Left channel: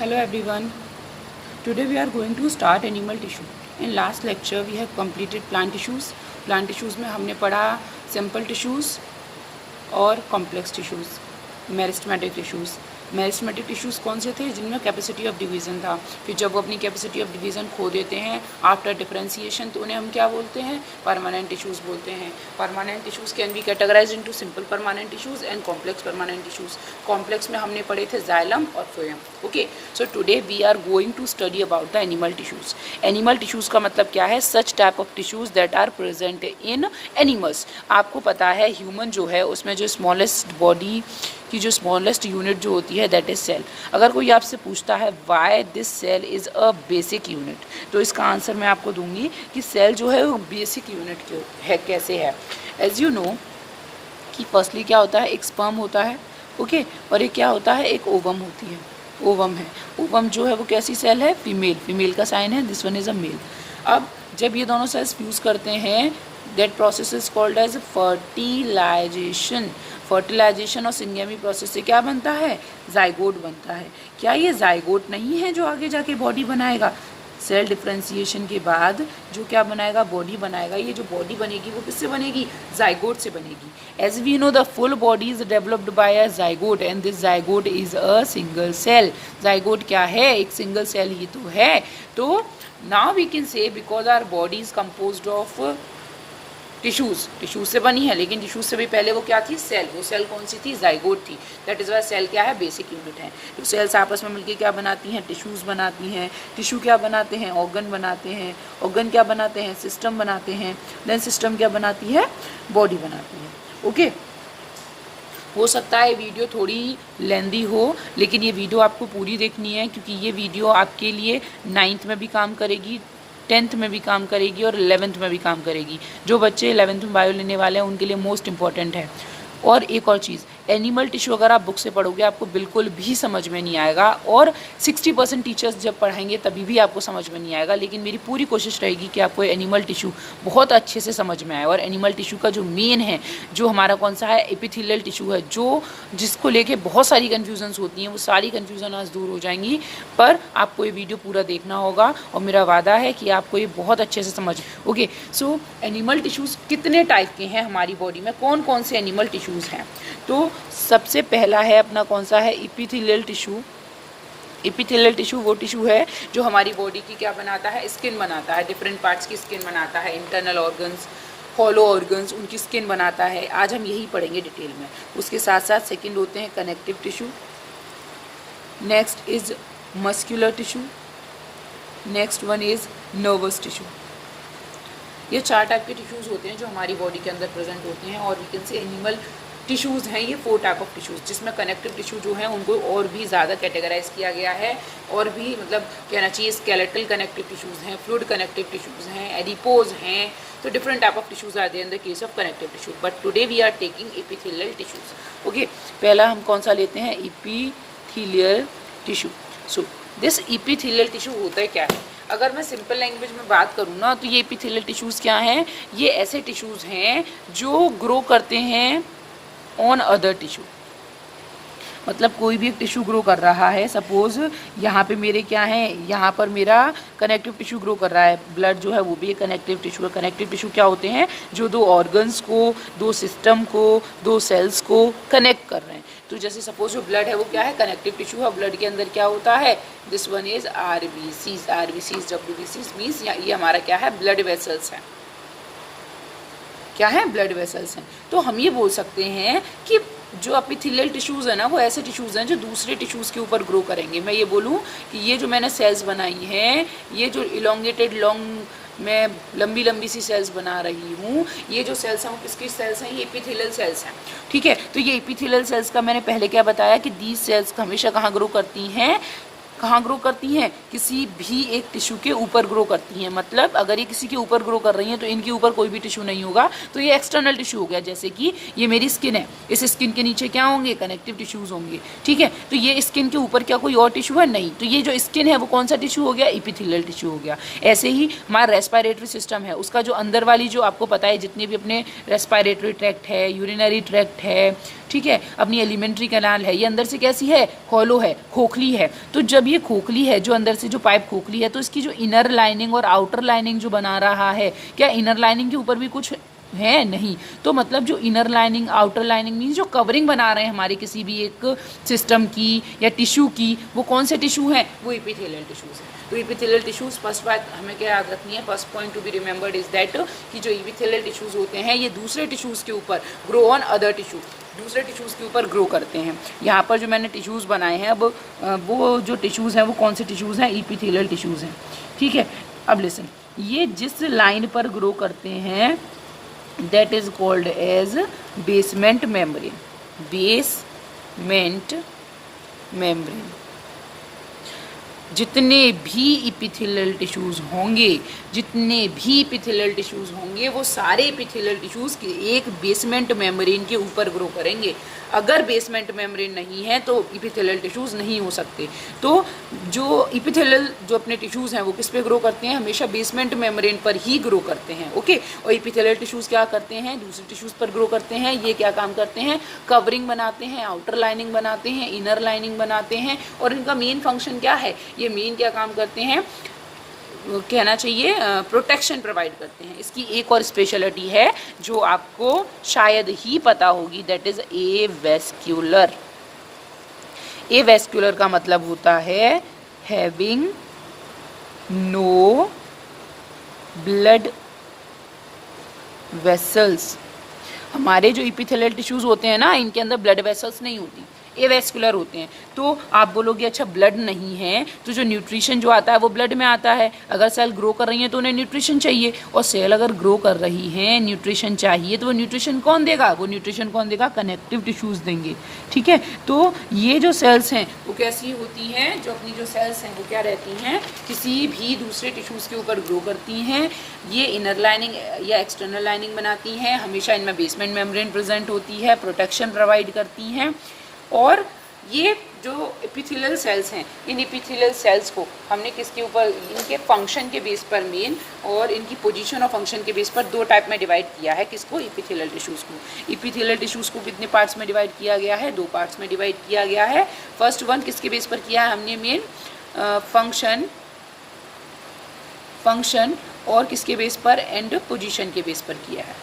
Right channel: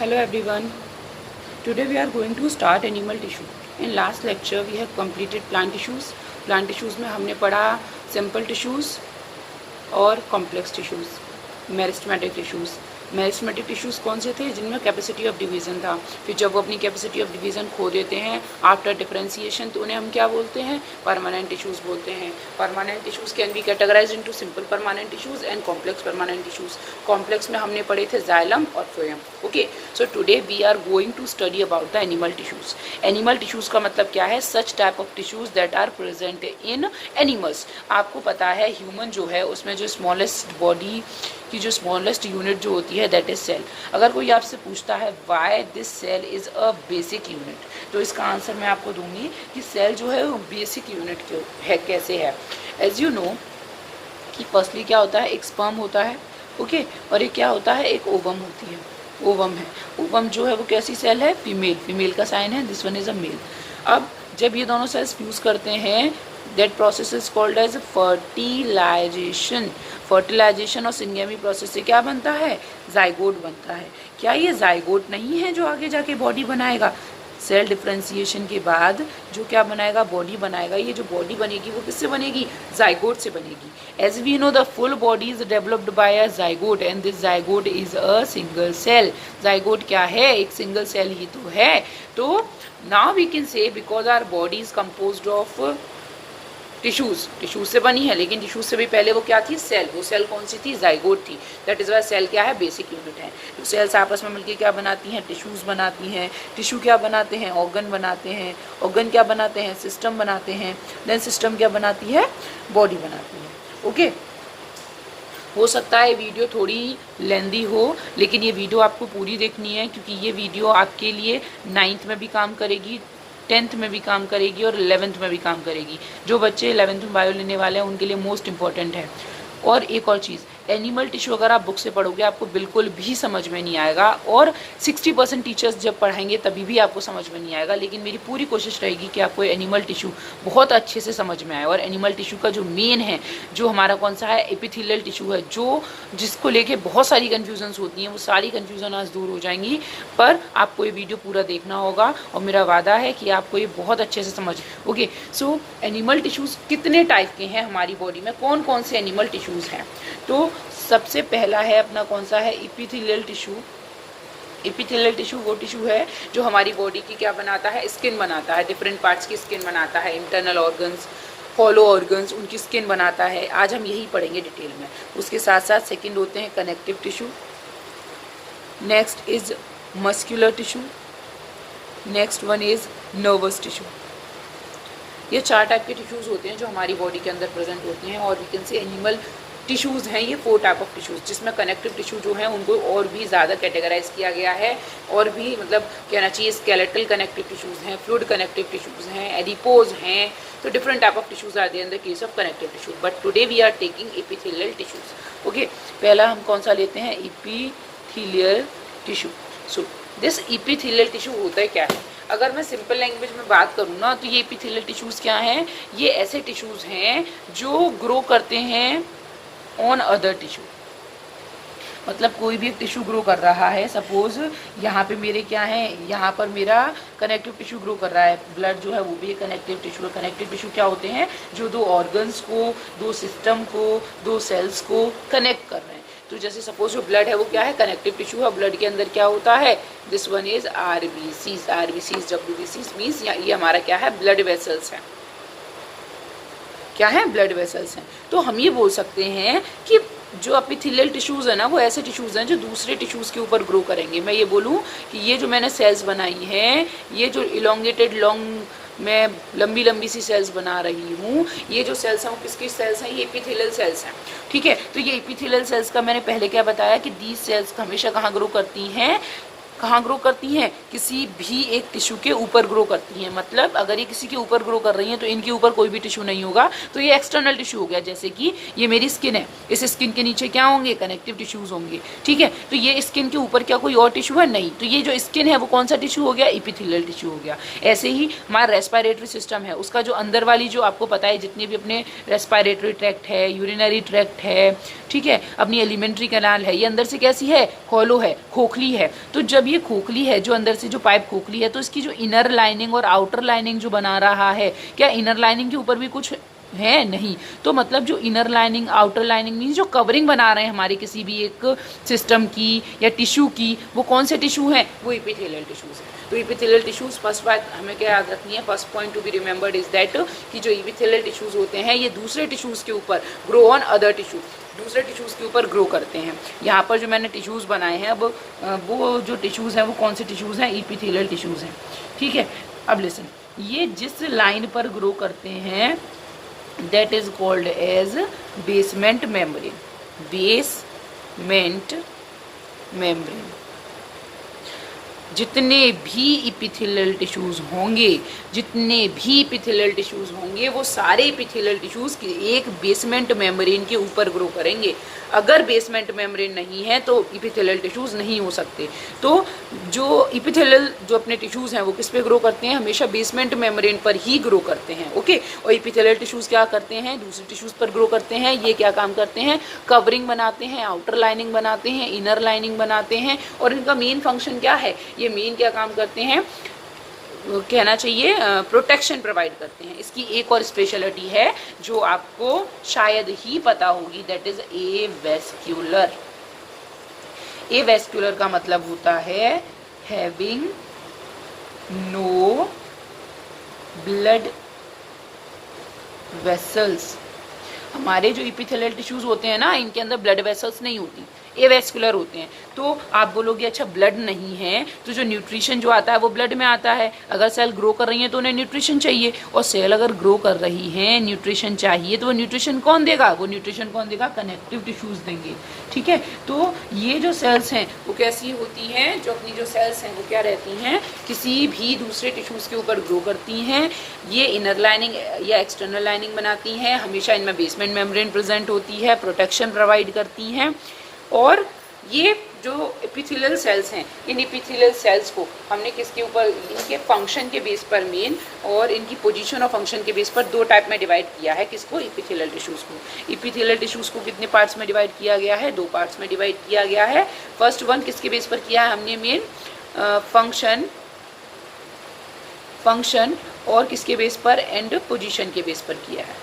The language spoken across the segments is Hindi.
Hello everyone. Today we are going to start animal tissue. In last lecture we have completed plant tissues. Plant tissues में हमने पढ़ा simple tissues और complex tissues, meristematic tissues. Meristematic tissues कौन से थे? जिनमें कैपेसिटी ऑफ डिवीज़न था। फिर जब वो अपनी कैपेसिटी ऑफ डिवीज़न खो देते हैं आफ्टर डिफरेंशिएशन, तो उन्हें हम क्या बोलते हैं? परमानेंट टिश्यूज़ बोलते हैं। Permanent tissues can be categorised into simple permanent tissues and complex permanent tissues. Complex में हमने पढ़े थे जाइलम और phloem. Okay, so today we are going to study about the animal tissues. Animal tissues का मतलब क्या है? Such type of tissues that are present in animals. आपको पता है ह्यूमन जो है उसमें जो स्मॉलेस्ट बॉडी की जो स्मॉलेस्ट यूनिट जो होती है दैट इज सेल। अगर कोई आपसे पूछता है why this cell is a basic unit, तो इसका आंसर मैं आपको दूंगी कि सेल जो है वो बेसिक यूनिट जो है कैसे है। एज यू नो कि फर्स्टली क्या होता है? एक स्पर्म होता है, ओके, और एक क्या होता है? एक ओवम होती है, ओवम है। ओवम जो है वो कैसी सेल है? फीमेल। फीमेल का साइन है, this one is a male. अब जब ये दोनों सेल्स फ्यूज़ करते हैं that process is called as fertilization. Fertilization और सिंगेमी प्रोसेस से क्या बनता है? जाइगोट बनता है। क्या ये जाइगोट नहीं है जो आगे जाके बॉडी बनाएगा? सेल डिफरेंशिएशन के बाद जो क्या बनाएगा? बॉडी बनाएगा। ये जो बॉडी बनेगी वो किससे बनेगी? जाइगोट से बनेगी। As we know the full body is developed by a zygote and this zygote is a single cell. Zygote क्या है? एक सिंगल सेल ही तो है। तो now we can say because our body is composed of tissues से बनी है, लेकिन टिश्यूज से भी पहले वो क्या थी? सेल। वो सेल कौन सी थी? जाइगोट थी। दैट इज वाई सेल क्या है? बेसिक यूनिट है। तो सेल्स आपस में मिलकर क्या बनाती हैं? टिश्यूज बनाती हैं। टिश्यू क्या बनाते हैं? ऑर्गन बनाते हैं। ऑर्गन क्या बनाते हैं? सिस्टम बनाते हैं। देन सिस्टम क्या बनाती है? बॉडी बनाती है। ओके, हो सकता है वीडियो थोड़ी लेंदी हो, लेकिन ये वीडियो आपको पूरी देखनी है क्योंकि ये वीडियो आपके लिए 9th में भी काम करेगी, 10th में भी काम करेगी और 11th में भी काम करेगी। जो बच्चे 11th में बायो लेने वाले हैं उनके लिए मोस्ट इंपॉर्टेंट है। और एक और चीज़, एनिमल टिश्यू अगर आप बुक से पढ़ोगे आपको बिल्कुल भी समझ में नहीं आएगा, और 60% टीचर्स जब पढ़ाएंगे तभी भी आपको समझ में नहीं आएगा। लेकिन मेरी पूरी कोशिश रहेगी कि आपको एनिमल टिश्यू बहुत अच्छे से समझ में आए। और एनिमल टिश्यू का जो मेन है, जो हमारा कौन सा है? एपिथेलियल टिश्यू है, जो जिसको लेके बहुत सारी कन्फ्यूजन्स होती हैं, वो सारी कन्फ्यूजन आज दूर हो जाएंगी। पर आपको ये वीडियो पूरा देखना होगा और मेरा वादा है कि आपको ये बहुत अच्छे से समझ। ओके, सो एनिमल टिश्यूज़ कितने टाइप के हैं हमारी बॉडी में? कौन कौन से एनिमल टिश्यूज़ हैं? तो सबसे पहला है अपना कौन सा है? Epithelial tissue. एपिथेलियल टिश्यू वो टिश्यू है जो हमारी बॉडी की क्या बनाता है? स्किन बनाता है। डिफरेंट पार्ट्स की स्किन बनाता है। इंटरनल ऑर्गन्स, हॉलो ऑर्गन्स, उनकी स्किन बनाता है। आज हम यही पढ़ेंगे डिटेल में। उसके साथ साथ सेकंड होते हैं connective tissue, next is muscular tissue, next one is nervous tissue. ये 4 टाइप के टिश्यूज़ होते हैं जो हमारी बॉडी के अंदर प्रेजेंट होते हैं। और you can say animal tissues हैं ये 4 टाइप ऑफ टिश्यूज़, जिसमें कनेक्टिव टिश्यू जो है उनको और भी ज़्यादा कैटेगराइज किया गया है। और भी मतलब कहना चाहिए स्केलेटल कनेक्टिव टिश्यूज़ हैं, फ्लूइड कनेक्टिव टिश्यूज़ हैं, एडिपोज हैं। तो different type of tissues are there in the case of connective tissue, but today we are taking epithelial tissues. Okay, पहला हम कौन सा लेते हैं? Epithelial tissue. So this epithelial tissue होता है क्या है? अगर मैं सिंपल लैंग्वेज में बात करूँ ना, तो ये एपिथेलियल टिश्यूज़ क्या हैं? ये ऐसे टिश्यूज़ हैं जो ग्रो करते हैं ऑन अदर टिश्यू। मतलब कोई भी टिश्यू ग्रो कर रहा है, सपोज यहाँ पे मेरे क्या है? यहाँ पर मेरा कनेक्टिव टिश्यू ग्रो कर रहा है। ब्लड जो है वो भी एक कनेक्टिव टिश्यू है। कनेक्टिव टिश्यू क्या होते हैं? जो 2 ऑर्गन्स को, 2 सिस्टम को, 2 सेल्स को कनेक्ट कर रहे हैं। तो जैसे सपोज जो ब्लड है वो क्या है? कनेक्टिव टिश्यू है। ब्लड के अंदर क्या होता है? This one is RBCs. RBCs, डब्ल्यूबीसीज मीन्स ये हमारा क्या है? ब्लड वेसल्स है। क्या है? ब्लड वेसल्स हैं। तो हम ये बोल सकते हैं कि जो एपिथेलियल टिश्यूज़ है ना, वो ऐसे टिश्यूज़ हैं जो दूसरे टिश्यूज़ के ऊपर ग्रो करेंगे। मैं ये बोलूँ कि ये जो मैंने सेल्स बनाई हैं, ये जो इलोंगेटेड लॉन्ग, मैं लंबी लंबी सी सेल्स बना रही हूँ, ये जो सेल्स हैं वो किसकी सेल्स हैं? ये एपिथेलियल सेल्स हैं। ठीक है, तो ये एपिथेलियल सेल्स का मैंने पहले क्या बताया कि दीज सेल्स हमेशा कहाँ ग्रो करती हैं? कहाँ ग्रो करती हैं? किसी भी एक टिश्यू के ऊपर ग्रो करती हैं। मतलब अगर ये किसी के ऊपर ग्रो कर रही हैं तो इनके ऊपर कोई भी टिश्यू नहीं होगा, तो ये एक्सटर्नल टिश्यू हो गया। जैसे कि ये मेरी स्किन है, इस स्किन के नीचे क्या होंगे? कनेक्टिव टिश्यूज होंगे। ठीक है, तो ये स्किन के ऊपर क्या कोई और टिश्यू है? नहीं। तो ये जो स्किन है वो कौन सा टिश्यू हो गया? एपिथेलियल टिश्यू हो गया। ऐसे ही हमारा रेस्पिरेटरी सिस्टम है, उसका जो अंदर वाली जो आपको पता है जितने भी अपने रेस्पिरेटरी ट्रैक्ट है, यूरिनरी ट्रैक्ट है, ठीक है, अपनी एलिमेंट्री कैनाल है, ये अंदर से कैसी है? हॉलो है, खोखली है। तो जब ये खोखली है, जो अंदर से जो पाइप खोखली है, तो इसकी जो इनर लाइनिंग और आउटर लाइनिंग जो बना रहा है, क्या इनर लाइनिंग के ऊपर भी कुछ है? नहीं। तो मतलब जो inner lining outer lining means जो कवरिंग बना रहे हैं हमारे किसी भी एक सिस्टम की या टिश्यू की, वो कौन से टिश्यू हैं? वो इपिथेलियल टिश्यूज है। तो इपिथेलियल टिश्यूज, फर्स्ट बात हमें क्या याद रखनी है, first point to be remembered is that कि जो इपिथेलियल टिश्यूज होते हैं ये दूसरे टिश्यूज के ऊपर ग्रो ऑन अदर टिश्यू, दूसरे टिश्यूज़ के ऊपर ग्रो करते हैं। यहाँ पर जो मैंने टिश्यूज़ बनाए हैं, अब वो जो टिश्यूज़ हैं वो कौन से टिश्यूज़ हैं? इपिथेलियल टिश्यूज़ हैं। ठीक है, अब लिसन, ये जिस लाइन पर ग्रो करते हैं that is called as basement membrane, basement membrane. जितने भी इपिथेलियल टिश्यूज़ होंगे, जितने भी इपिथेलियल टिश्यूज़ होंगे, वो सारे इपिथेलियल टिश्यूज़ के एक बेसमेंट मेम्ब्रेन के ऊपर ग्रो करेंगे। अगर बेसमेंट मेम्ब्रेन नहीं है तो इपिथेलियल टिश्यूज़ नहीं हो सकते। तो जो इपिथेलियल जो अपने टिश्यूज़ हैं वो किस पे ग्रो करते हैं? हमेशा बेसमेंट मेम्ब्रेन पर ही ग्रो करते हैं। ओके, और इपिथेलियल टिश्यूज़ क्या करते हैं? दूसरे टिश्यूज़ पर ग्रो करते हैं। ये क्या काम करते हैं? कवरिंग बनाते हैं, आउटर लाइनिंग बनाते हैं, इनर लाइनिंग बनाते हैं। और इनका मेन फंक्शन क्या है? ये मेन क्या काम करते हैं, कहना चाहिए प्रोटेक्शन प्रोवाइड करते हैं। इसकी एक और स्पेशलिटी है जो आपको शायद ही पता होगी, दैट इज एवेस्क्यूलर। एवेस्क्यूलर का मतलब होता है हैविंग नो ब्लड वेसल्स। हमारे जो इपिथेलियल टिश्यूज होते हैं ना, इनके अंदर ब्लड वेसल्स नहीं होती, एवेस्कुलर होते हैं। तो आप बोलोगे अच्छा ब्लड नहीं है, तो जो न्यूट्रिशन जो आता है वो ब्लड में आता है। अगर सेल ग्रो कर रही है तो उन्हें न्यूट्रिशन चाहिए, और सेल अगर ग्रो कर रही है, न्यूट्रिशन चाहिए, तो वो न्यूट्रिशन कौन देगा? वो न्यूट्रिशन कौन देगा? कनेक्टिव टिश्यूज देंगे। ठीक है, तो ये जो सेल्स हैं वो कैसी होती हैं? जो अपनी जो सेल्स हैं वो क्या रहती हैं? किसी भी दूसरे टिश्यूज के ऊपर ग्रो करती हैं। ये इनर लाइनिंग या एक्सटर्नल लाइनिंग बनाती हैं। हमेशा इनमें बेसमेंट मेम्ब्रेन प्रेजेंट होती है, प्रोटेक्शन प्रोवाइड करती हैं। और ये जो एपिथेलियल सेल्स हैं, इन एपिथेलियल सेल्स को हमने किसके ऊपर, इनके फंक्शन के बेस पर मेन और इनकी पोजीशन और फंक्शन के बेस पर दो टाइप में डिवाइड किया है। किसको? एपिथेलियल टिश्यूज़ को। एपिथेलियल टिश्यूज़ को कितने पार्ट्स में डिवाइड किया गया है? दो पार्ट्स में डिवाइड किया गया है। फर्स्ट वन किसके बेस पर किया है हमने? मेन फंक्शन और किसके बेस पर? एंड पोजीशन के बेस पर किया है।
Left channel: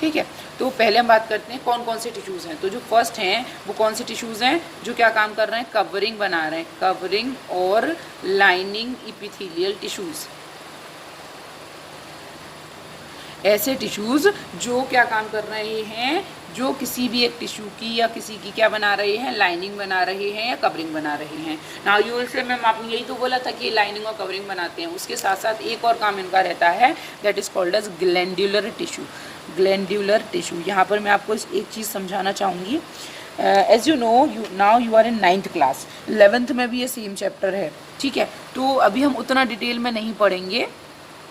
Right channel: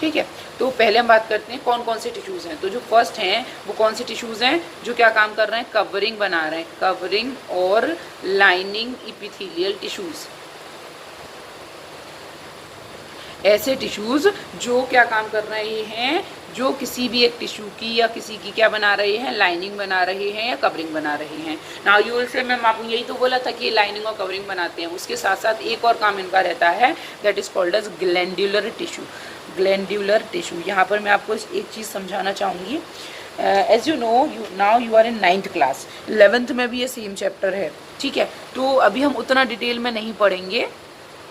ठीक है, तो पहले हम बात करते हैं कौन कौन से टिश्यूज़ हैं। तो जो फर्स्ट हैं वो कौन से टिश्यूज़ हैं? जो क्या काम कर रहे हैं? कवरिंग बना रहे हैं, कवरिंग और लाइनिंग इपिथेलियल टिश्यूज़। ऐसे टिश्यूज़ जो क्या काम कर रहे हैं? जो किसी भी एक टिश्यू की या किसी की क्या बना रहे हैं? लाइनिंग बना रहे हैं या कवरिंग बना रहे हैं। Now you will say ma'am आपने यही तो बोला था कि ये लाइनिंग और कवरिंग बनाते हैं। उसके साथ साथ एक और काम इनका रहता है, that is called as glandular tissue. Glandular tissue, यहाँ पर मैं आपको एक चीज़ समझाना चाहूँगी। As you know, now you are in 9th class, 11th में भी ये सेम चैप्टर है। ठीक है, तो अभी हम उतना डिटेल में नहीं पढ़ेंगे,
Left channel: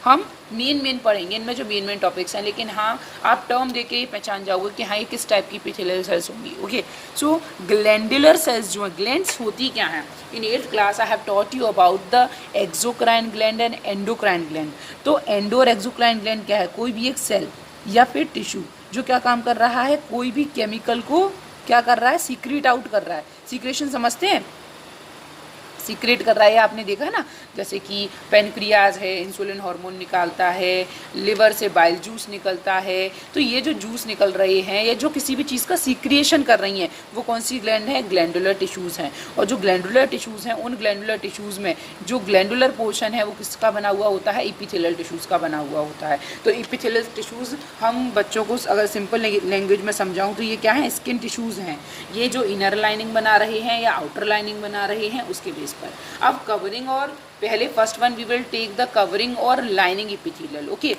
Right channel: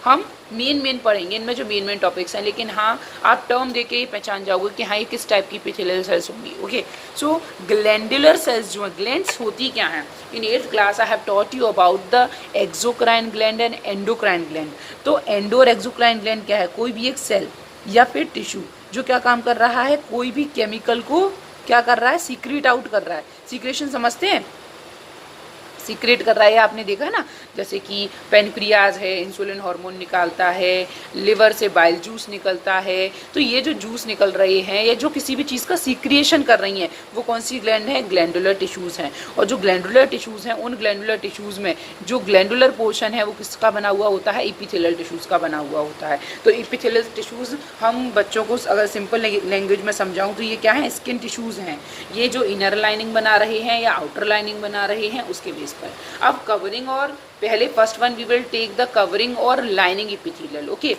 हम मेन पढ़ेंगे इनमें जो मेन टॉपिक्स हैं। लेकिन हाँ, आप टर्म देके ही पहचान जाओगे कि हाँ ये किस टाइप की एपिथेलियल सेल्स होंगी। ओके, सो ग्लैंडुलर सेल्स जो है, ग्लैंड्स होती क्या हैं? इन 8th class I have taught you about the exocrine gland and endocrine gland. तो एंडो और एक्सोक्राइन ग्लैंड क्या है? कोई भी एक सेल या फिर टिश्यू जो क्या काम कर रहा है? कोई भी केमिकल को क्या कर रहा है? सीक्रेट आउट कर रहा है। सीक्रेशन समझते हैं? सीक्रेट कर रहा है, आपने देखा ना, जैसे कि पेनक्रियाज है, इंसुलिन हार्मोन निकालता है, लिवर से बाइल जूस निकलता है। तो ये जो जूस निकल रहे हैं या जो किसी भी चीज़ का सीक्रिएशन कर रही हैं, वो कौन सी ग्लैंड है? ग्लैंडुलर टिश्यूज़ हैं। और जो ग्लैंडुलर टिश्यूज़ हैं, उन ग्लैंडुलर टिश्यूज़ में जो ग्लैंडुलर पोर्शन है वो किसका बना हुआ होता है? एपिथेलियल टिश्यूज़ का बना हुआ होता है। तो एपिथेलियल टिश्यूज़ हम बच्चों को अगर सिंपल लैंग्वेज में समझाऊँ तो ये क्या है? स्किन टिश्यूज़ हैं। ये जो इनर लाइनिंग बना रहे हैं या आउटर लाइनिंग बना रहे हैं उसके बेस पर। अब कवरिंग, और पहले first one we will take the covering और lining epithelial. Okay,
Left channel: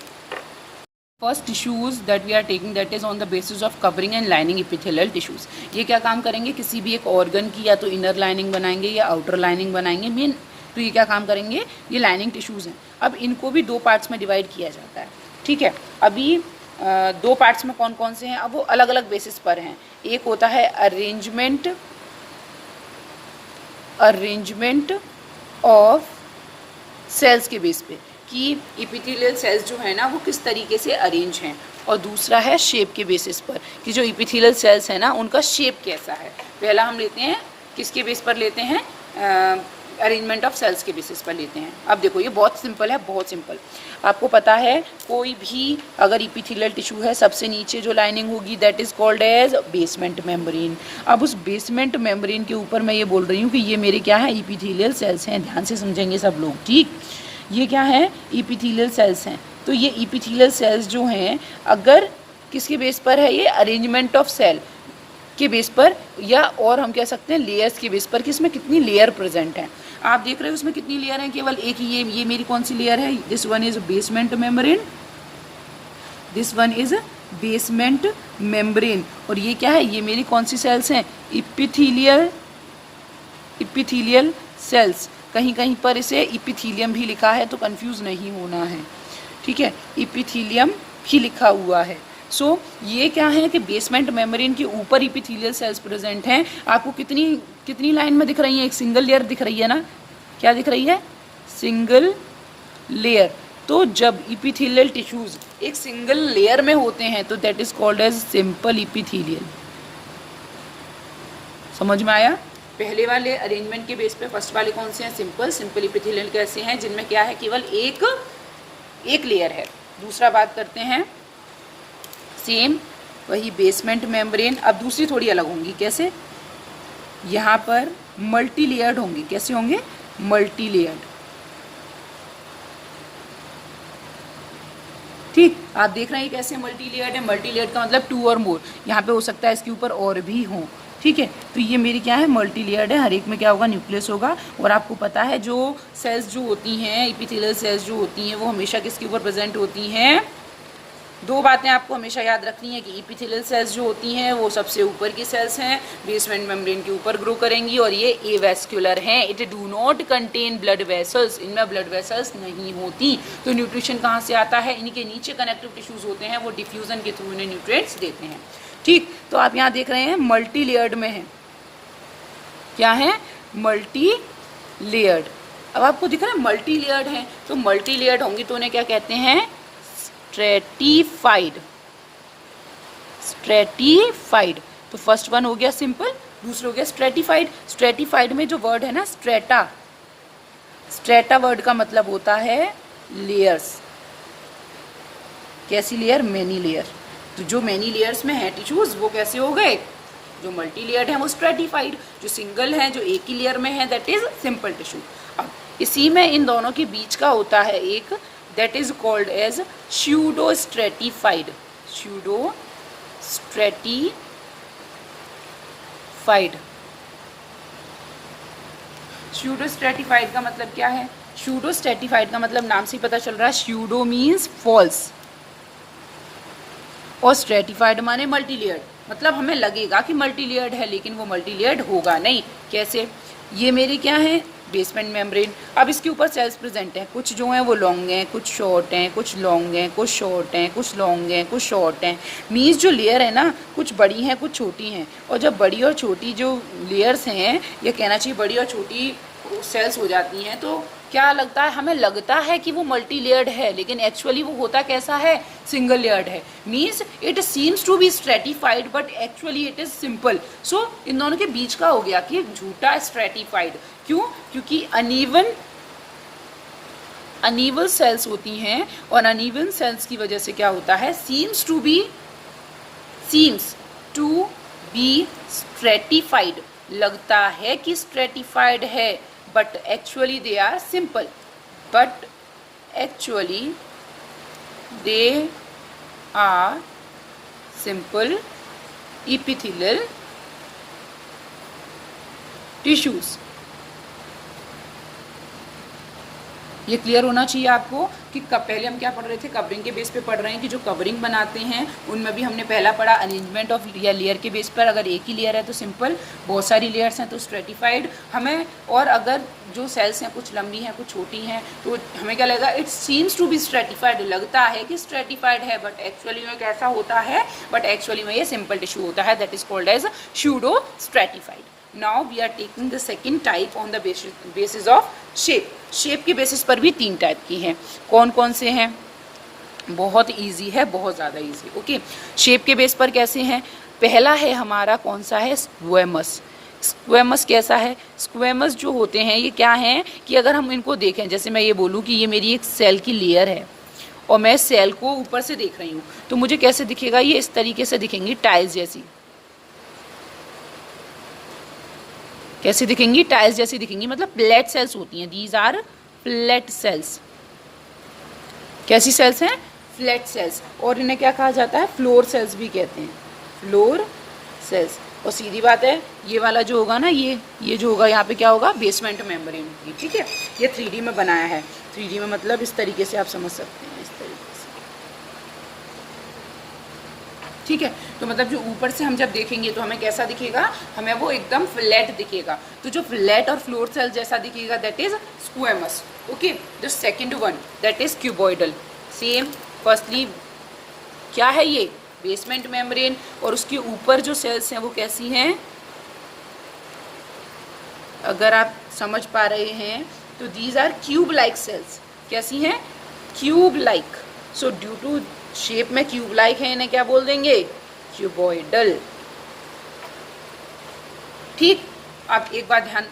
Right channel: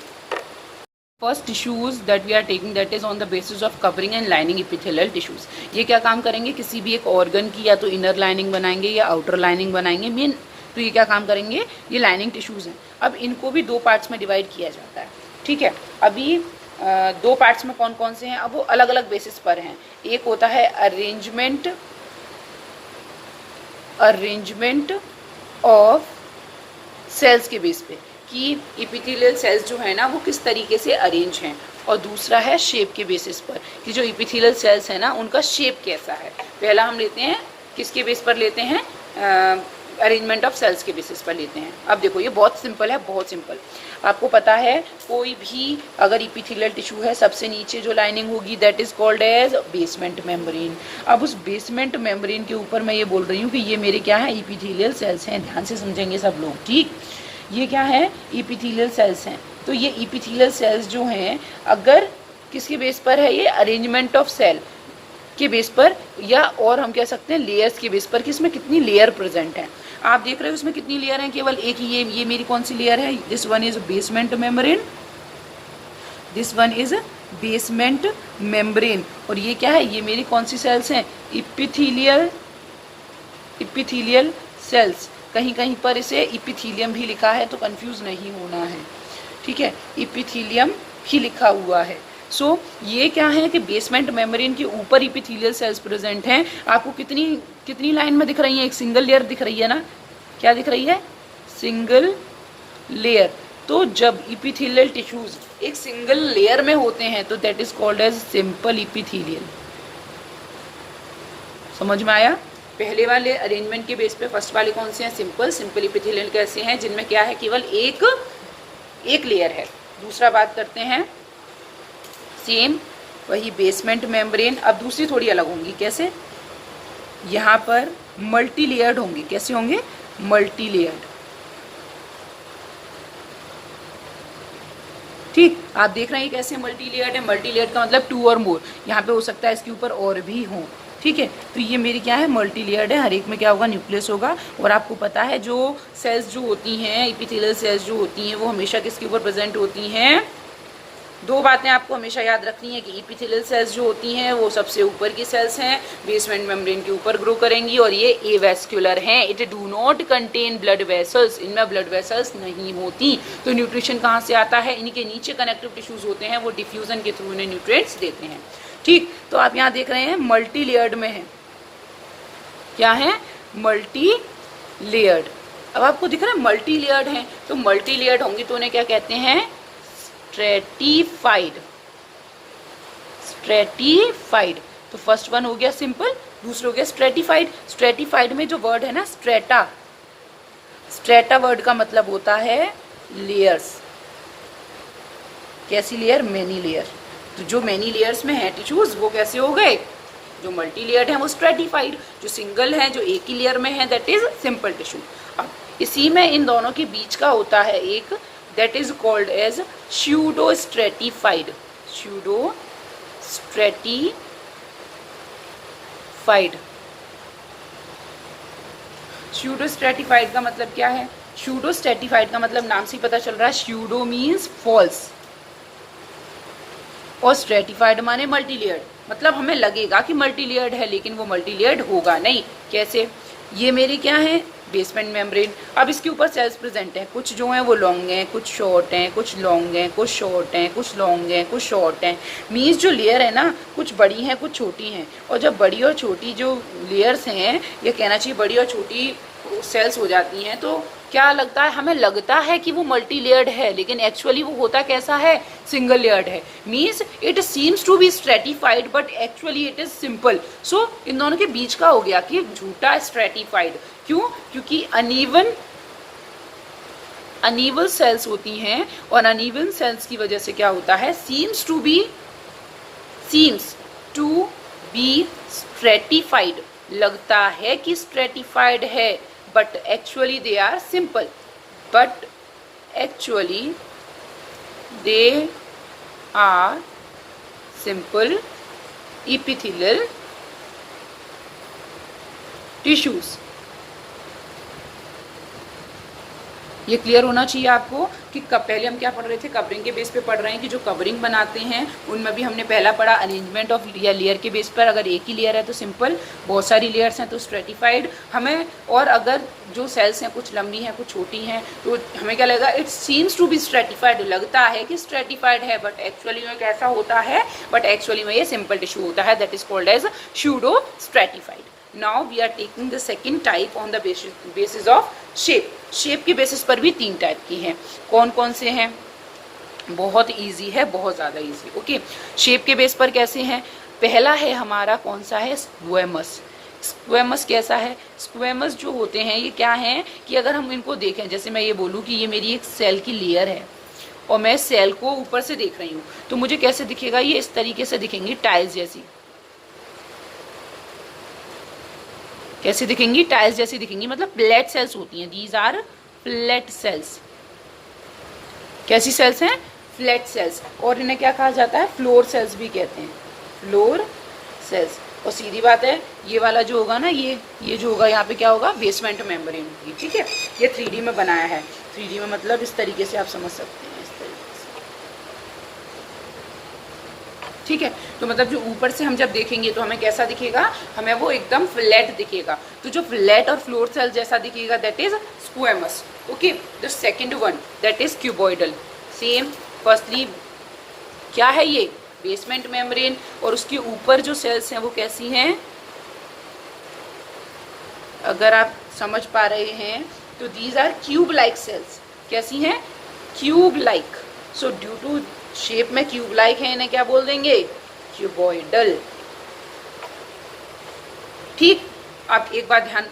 first tissues that we are taking that is on the basis of covering and lining epithelial tissues. ये क्या काम करेंगे? किसी भी एक ऑर्गन की या तो इनर लाइनिंग बनाएंगे या आउटर लाइनिंग बनाएंगे। मेन तो ये क्या काम करेंगे? ये लाइनिंग टिश्यूज हैं। अब इनको भी दो पार्ट्स में डिवाइड किया जाता है। ठीक है, अभी दो पार्ट्स में कौन कौन से हैं? अब वो अलग अलग बेसिस पर हैं। एक होता है अरेंजमेंट ऑफ सेल्स के बेस पे कि एपिथेलियल सेल्स जो है ना वो किस तरीके से अरेंज हैं, और दूसरा है शेप के बेसिस पर कि जो एपिथेलियल सेल्स है ना उनका शेप कैसा है। पहला हम लेते हैं किसके बेस पर लेते हैं? अरेंजमेंट ऑफ सेल्स के बेसिस पर लेते हैं। अब देखो ये बहुत सिंपल है, बहुत सिंपल। आपको पता है कोई भी अगर इपिथेलियल टिश्यू है, सबसे नीचे जो लाइनिंग होगी that is called as basement membrane. अब उस बेसमेंट मेम्ब्रेन के ऊपर मैं ये बोल रही हूँ कि ये मेरे क्या है, इपिथेलियल सेल्स हैं। ध्यान से समझेंगे सब लोग, ठीक। ये क्या है, इपिथेलियल सेल्स हैं। तो ये इपिथेलियल सेल्स जो हैं, अगर किसके बेस पर है, ये अरेंजमेंट ऑफ सेल के बेस पर, या और हम कह सकते हैं लेयर्स के बेस पर कि इसमें कितनी लेयर प्रेजेंट है। आप देख रहे हो इसमें कितनी लेयर है, केवल एक ही। ये मेरी कौन सी लेयर है, this one is basement membrane, this one is basement membrane. और ये क्या है, ये मेरी कौन सी सेल्स हैं, इपिथेलियल सेल्स। कहीं कहीं पर इसे इपिथीलियम भी लिखा है, तो कंफ्यूज नहीं होना है, ठीक है, इपिथीलियम भी लिखा हुआ है। सो ये क्या है कि बेसमेंट मेम्ब्रेन के ऊपर इपिथेलियल सेल्स प्रेजेंट हैं। आपको कितनी लाइन में दिख रही है, एक सिंगल लेयर दिख रही है ना, क्या दिख रही है, सिंगल लेयर। तो जब इपिथेलियल टिश्यूज एक सिंगल लेयर में होते हैं तो that is called as simple epithelial. समझ में आया। पहले वाले अरेंजमेंट के बेस पे फर्स्ट वाले कौन से हैं, सिंपल इपिथेलियल कैसे हैं, जिनमें क्या है, केवल एक लेयर है। दूसरा बात करते हैं, सेम वही बेसमेंट मेम्ब्रेन। अब दूसरी थोड़ी अलग होंगी, कैसे, यहाँ पर मल्टी लेयर्ड होंगी। कैसे होंगे, मल्टी लेयर्ड, ठीक। आप देख रहे हैं कैसे मल्टी लेयर्ड है। मल्टी लेयर्ड का मतलब 2 और मोर, यहाँ पे हो सकता है इसके ऊपर और भी हों, ठीक है। तो ये मेरी क्या है, मल्टी लेयर्ड है। हर एक में क्या होगा, न्यूक्लियस होगा। और आपको पता है जो सेल्स जो होती हैं, इपिथेलियल सेल्स जो होती हैं, वो हमेशा किसके ऊपर प्रेजेंट होती हैं। दो बातें आपको हमेशा याद रखनी है कि इपिथेलियल सेल्स जो होती हैं वो सबसे ऊपर की सेल्स हैं, बेसमेंट मेम्ब्रेन के ऊपर ग्रो करेंगी, और ये एवेस्क्युलर हैं। It do not contain blood vessels, इनमें ब्लड वेसल्स नहीं होती। तो न्यूट्रिशन कहाँ से आता है, इनके नीचे कनेक्टिव टिश्यूज होते हैं, वो डिफ्यूजन के थ्रू इन्हें न्यूट्रिएंट्स देते हैं, ठीक। तो आप यहाँ देख रहे हैं मल्टी लेयर्ड में है, क्या है, मल्टी लेयर्ड। अब आपको दिख रहा है मल्टी लेयर्ड है, तो मल्टी लेयर्ड होंगी तो उन्हें क्या कहते हैं, स्ट्रेटिफाइड। स्ट्रेटिफाइड, तो फर्स्ट वन हो गया सिंपल, दूसरा हो गया स्ट्रेटिफाइड। स्ट्रेटिफाइड में जो वर्ड है ना स्ट्रेटा, स्ट्रेटा वर्ड का मतलब होता है लेयर्स। कैसी लेयर, मेनी लेयर। तो जो मेनी लेयर्स में है टिश्यूज वो कैसे हो गए, जो मल्टी लेयर्ड है वो स्ट्रेटिफाइड, जो सिंगल है, जो एक ही लेयर में है, दैट इज सिंपल टिश्यू। अब इसी में इन दोनों के बीच का होता है एक, that is called as pseudostratified, pseudostratified का मतलब क्या है, pseudostratified का मतलब नाम से ही पता चल रहा है, pseudo means false और stratified माने मल्टी लेयर्ड। मतलब हमें लगेगा कि मल्टी लेयर्ड है लेकिन वो मल्टी लेयर्ड होगा नहीं। कैसे, ये मेरी क्या है, बेसमेंट मेम्ब्रेन। अब इसके ऊपर सेल्स प्रेजेंट हैं, कुछ जो हैं वो लॉन्ग हैं, कुछ शॉर्ट हैं, कुछ लॉन्ग हैं, कुछ शॉर्ट हैं, कुछ लॉन्ग हैं, कुछ शॉर्ट हैं। मीन्स जो लेयर है ना, कुछ बड़ी हैं, कुछ छोटी हैं। और जब बड़ी और छोटी जो लेयर्स हैं, ये कहना चाहिए बड़ी और छोटी सेल्स हो जाती हैं, तो क्या लगता है, हमें लगता है कि वो मल्टी लेयर्ड है, लेकिन एक्चुअली वो होता कैसा है, सिंगल लेयर्ड है। Means it seems to be stratified but actually it is simple. So इन दोनों के बीच का हो गया कि झूठा स्ट्रेटिफाइड। क्यों, क्योंकि अनइवन सेल्स होती हैं, और अनइवन सेल्स की वजह से क्या होता है, सीम्स टू बी स्ट्रेटिफाइड, लगता है कि स्ट्रेटिफाइड है, but actually they are simple, but actually they are simple epithelial tissues। ये क्लियर होना चाहिए आपको कि पहले हम क्या पढ़ रहे थे, कवरिंग के बेस पे पढ़ रहे हैं कि जो कवरिंग बनाते हैं उनमें भी हमने पहला पढ़ा अरेंजमेंट ऑफ या लेयर के बेस पर। अगर एक ही लेयर है तो सिंपल, बहुत सारी लेयर्स हैं तो स्ट्रेटिफाइड हमें। और अगर जो सेल्स हैं कुछ लंबी हैं कुछ छोटी हैं तो हमें क्या लगेगा, it seems to be stratified, लगता है कि स्ट्रेटिफाइड है बट एक्चुअली में कैसा होता है, बट एक्चुअली में ये सिंपल टिश्यू होता है, that is called as pseudo stratified. Now we are taking the second type on the basis of shape. Shape के बेसिस पर भी 3 टाइप की हैं। कौन कौन से हैं, बहुत इजी है, बहुत ज़्यादा इजी। ओके, शेप के बेस पर कैसे हैं, पहला है हमारा कौन सा है, स्क्वेमस। स्क्वेमस कैसा है? स्क्वेमस जो होते हैं ये क्या हैं कि अगर हम इनको देखें, जैसे मैं ये बोलूँ कि ये मेरी एक सेल की लेयर है और मैं सेल को ऊपर से देख रही हूँ, तो मुझे कैसे दिखेगा? ये इस तरीके से दिखेंगी, टाइल्स जैसी। कैसे दिखेंगी? टाइल्स जैसी दिखेंगी, मतलब फ्लैट सेल्स होती हैं। These are flat cells. कैसी सेल्स हैं? Flat cells. और इन्हें क्या कहा जाता है? फ्लोर सेल्स भी कहते हैं, फ्लोर सेल्स। और सीधी बात है, ये वाला जो होगा ना, ये जो होगा यहाँ पे क्या होगा? बेसमेंट मेम्ब्रेन होगी। ठीक है, ये 3D में बनाया है। 3D में मतलब इस तरीके से आप समझ सकते हैं, इस तरीके से। ठीक है, तो मतलब जो ऊपर से हम जब देखेंगे तो हमें कैसा दिखेगा? हमें वो एकदम फ्लैट दिखेगा। तो जो फ्लैट और फ्लोर सेल जैसा दिखेगा, that is squamous. Okay, the second one that is cuboidal. Same, firstly क्या है ये? Basement membrane. और उसके ऊपर जो सेल्स हैं वो कैसी हैं? अगर आप समझ पा रहे हैं तो these are cube like cells. कैसी हैं? Cube like. So due to shape में क्यूब लाइक है, इन्हें क्या बोल देंगे? क्यूबॉइडल। ठीक, आप एक बात ध्यान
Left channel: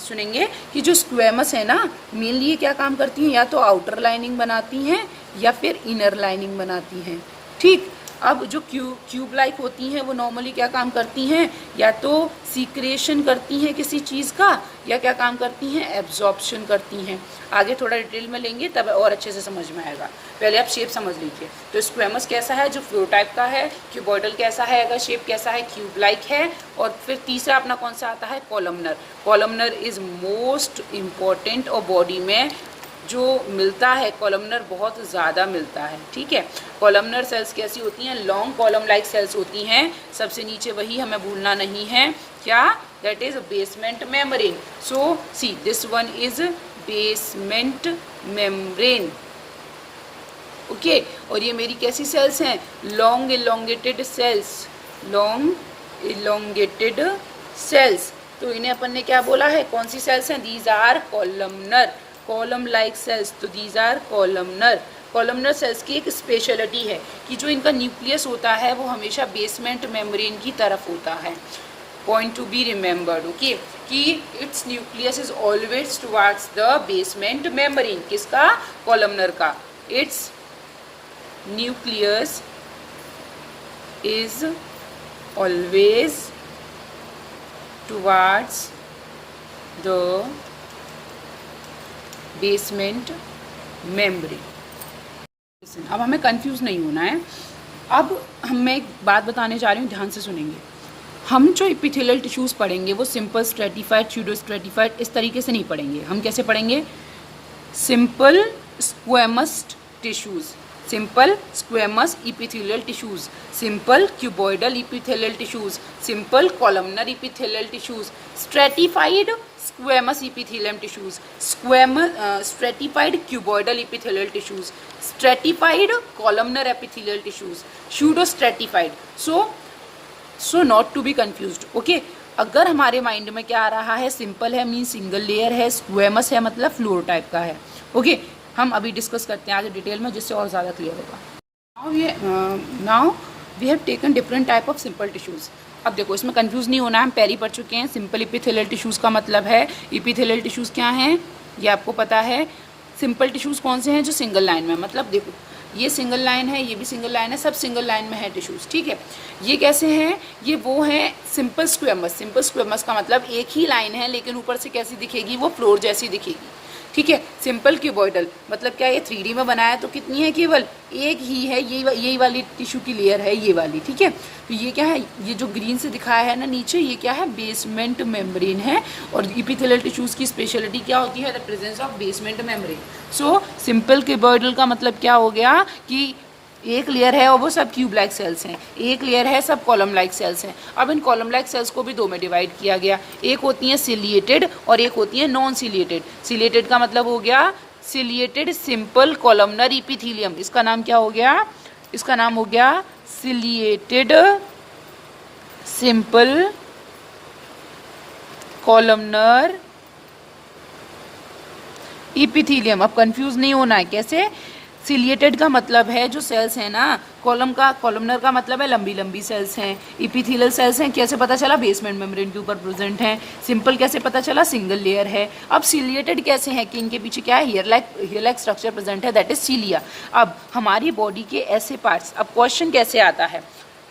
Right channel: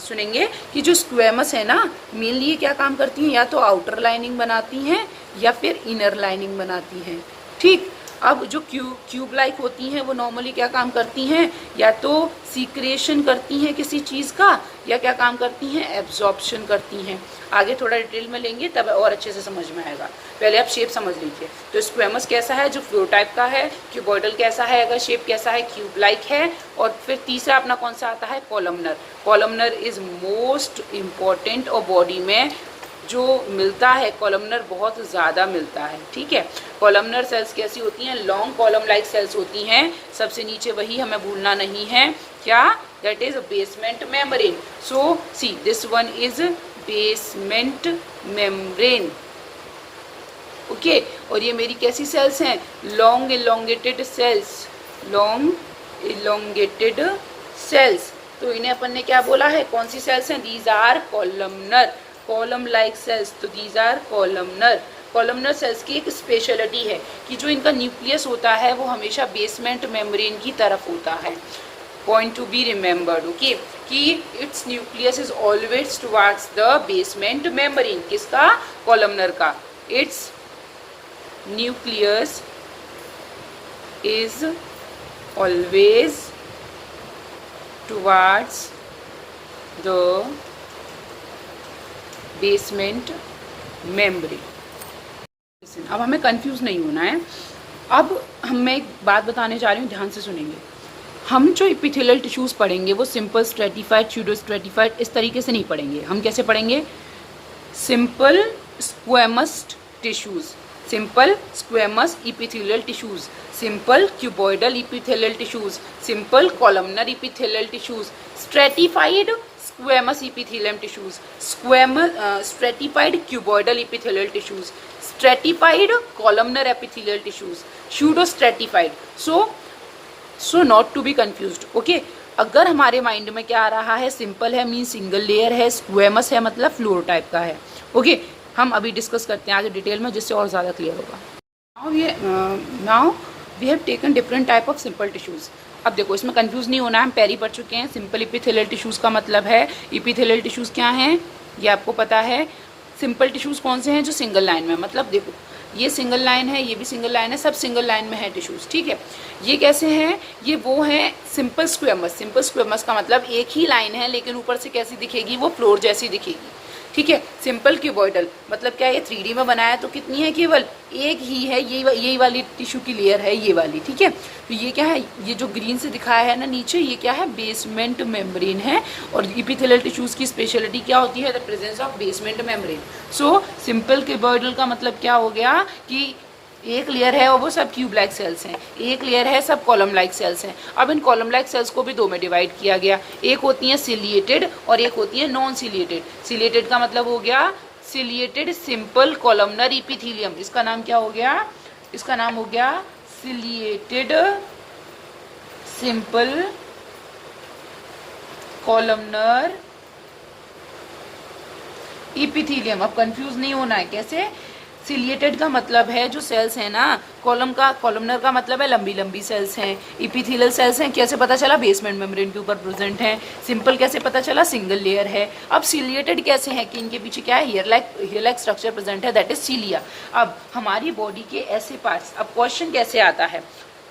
सुनेंगे कि जो स्क्वेमस है ना, मेनली ये क्या काम करती हैं? या तो आउटर लाइनिंग बनाती हैं या फिर इनर लाइनिंग बनाती हैं। ठीक, अब जो क्यूब लाइक होती हैं वो नॉर्मली क्या काम करती हैं? या तो सीक्रेशन करती हैं किसी चीज़ का, या क्या काम करती हैं? एब्जॉर्प्शन करती हैं। आगे थोड़ा डिटेल में लेंगे तब और अच्छे से समझ में आएगा। पहले आप शेप समझ लीजिए। तो स्क्वेमस कैसा है? जो फ्लोर टाइप का है। क्यूबॉइडल कैसा है? अगर शेप कैसा है? क्यूब लाइक है। और फिर तीसरा अपना कौन सा आता है? Columnar. Columnar is most important, और बॉडी में जो मिलता है कॉलमनर बहुत ज़्यादा मिलता है। ठीक है, कॉलमनर सेल्स कैसी होती हैं? लॉन्ग कॉलम लाइक सेल्स होती हैं। सबसे नीचे वही हमें भूलना नहीं है, क्या? That is basement membrane. So see this one is basement membrane. Okay, और ये मेरी कैसी सेल्स हैं? Long elongated cells. Long elongated cells. तो इन्हें अपन ने क्या बोला है? कौन सी सेल्स हैं? These are columnar, column like cells. तो these are columnar. Columnar cells की एक स्पेशलिटी है कि जो इनका न्यूक्लियस होता है वो हमेशा बेसमेंट मेम्ब्रेन की तरफ होता है। Point to be remembered, okay, कि its nucleus is always towards the basement membrane. किसका? कॉलमनर का। Its nucleus is always towards the basement membrane. अब हमें कंफ्यूज नहीं होना है। अब मैं एक बात बताने जा रही हूँ, ध्यान से सुनेंगे। हम जो एपिथेलियल टिश्यूज पढ़ेंगे वो सिंपल, स्ट्रेटिफाइड, स्यूडो स्ट्रेटिफाइड, इस तरीके से नहीं पढ़ेंगे। हम कैसे पढ़ेंगे? Simple squamous tissues, simple squamous epithelial tissues, simple cuboidal epithelial tissues, simple columnar epithelial tissues, stratified squamous epithelium tissues, stratified cuboidal epithelial tissues, stratified columnar epithelial tissues, pseudo stratified. So not to be confused, okay. अगर हमारे माइंड में क्या आ रहा है? सिंपल है मीन सिंगल लेयर है, स्क्वेमस है मतलब फ्लोर टाइप का है, ओके। हम अभी डिस्कस करते हैं आगे डिटेल में, जिससे और ज़्यादा क्लियर होगा। Now we have taken different type of simple tissues. अब देखो, इसमें कंफ्यूज नहीं होना, हम पहले पढ़ चुके हैं। सिंपल एपिथेलियल टिश्यूज़ का मतलब है, एपिथेलियल टिश्यूज़ क्या हैं ये आपको पता है। सिंपल टिश्यूज़ कौन से हैं? जो सिंगल लाइन में, मतलब देखो ये सिंगल लाइन है, ये भी सिंगल लाइन है, सब सिंगल लाइन में है टिश्यूज़, ठीक है। ये कैसे हैं? ये वो हैं सिंपल स्क्वेमस। सिंपल स्क्वेमस का मतलब एक ही लाइन है लेकिन ऊपर से कैसी दिखेगी? वो फ्लोर जैसी दिखेगी, ठीक है। सिंपल क्यूबॉइडल मतलब क्या? ये 3D में बनाया तो कितनी है? केवल एक ही है, यही वाली टिश्यू की लेयर है, ये वाली, ठीक है। तो ये क्या है? ये जो ग्रीन से दिखाया है ना नीचे, ये क्या है? बेसमेंट मेम्ब्रेन है। और एपिथेलियल टिश्यूज की स्पेशलिटी क्या होती है? The presence of basement membrane. So simple cuboidal का मतलब क्या हो गया कि एक लेयर है और वो सब क्यूब लाइक सेल्स हैं, एक लेयर है सब कॉलम लाइक सेल्स हैं। अब इन कॉलम लाइक सेल्स को भी दो में डिवाइड किया गया, एक होती है सिलिएटेड और एक होती है नॉन सिलिएटेड। सिलिएटेड का मतलब हो गया सिलिएटेड सिंपल कॉलमनर एपिथेलियम। इसका नाम क्या हो गया? इसका नाम हो गया सिलिएटेड सिंपल कॉलमनर एपिथेलियम। अब कंफ्यूज नहीं होना है, कैसे? सिलिएटेड का मतलब है जो सेल्स हैं ना, कॉलमनर का मतलब है लंबी लंबी सेल्स हैं, इपिथेलियल सेल्स हैं, कैसे पता चला, बेसमेंट मेम्ब्रेन के ऊपर प्रेजेंट हैं। सिंपल कैसे पता चला, सिंगल लेयर है। अब सिलिएटेड कैसे हैं कि इनके पीछे क्या है, हेयर लाइक स्ट्रक्चर प्रेजेंट है, दैट इज सीलिया। अब हमारी बॉडी के ऐसे पार्ट्स, अब क्वेश्चन कैसे आता है,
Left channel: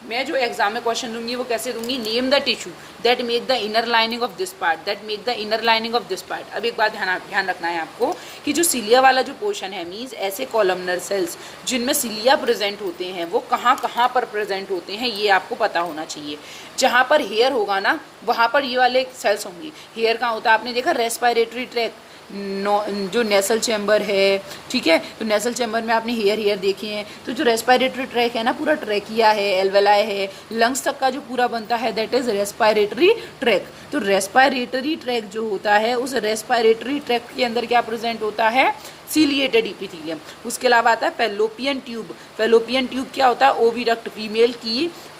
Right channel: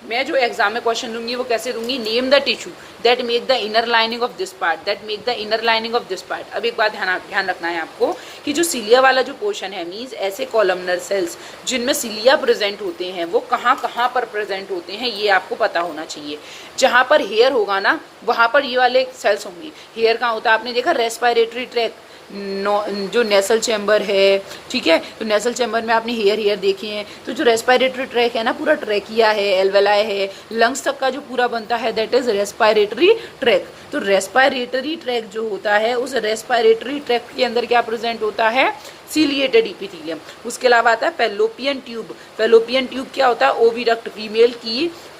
मैं जो एग्जाम में क्वेश्चन दूंगी वो कैसे दूंगी, name the tissue that make the inner lining of this part, that make the inner lining of this part. अब एक बात ध्यान रखना है आपको कि जो सीलिया वाला जो पोर्शन है, मीन्स ऐसे कॉलमनर सेल्स जिनमें सीलिया प्रेजेंट होते हैं वो कहाँ कहाँ पर प्रेजेंट होते हैं, ये आपको पता होना चाहिए। जहाँ पर हेयर होगा ना वहाँ पर ये वाले सेल्स होंगी। हेयर कहाँ होता है, आपने देखा रेस्पिरेटरी ट्रैक, जो नेसल चैम्बर है, ठीक है, तो नेसल चैम्बर में आपने हेयर देखे हैं, तो जो रेस्पिरेटरी ट्रैक है ना, पूरा ट्रैकिया है, एल्वेलाई है, लंग्स तक का जो पूरा बनता है दैट इज रेस्पिरेटरी ट्रैक। तो रेस्पिरेटरी ट्रैक जो होता है, उस रेस्पिरेटरी ट्रैक के अंदर क्या प्रेजेंट होता है, सीलिएटेड इपिथेलियम। उसके अलावा आता है फैलोपियन ट्यूब। फैलोपियन ट्यूब क्या होता है, ओविडक्ट,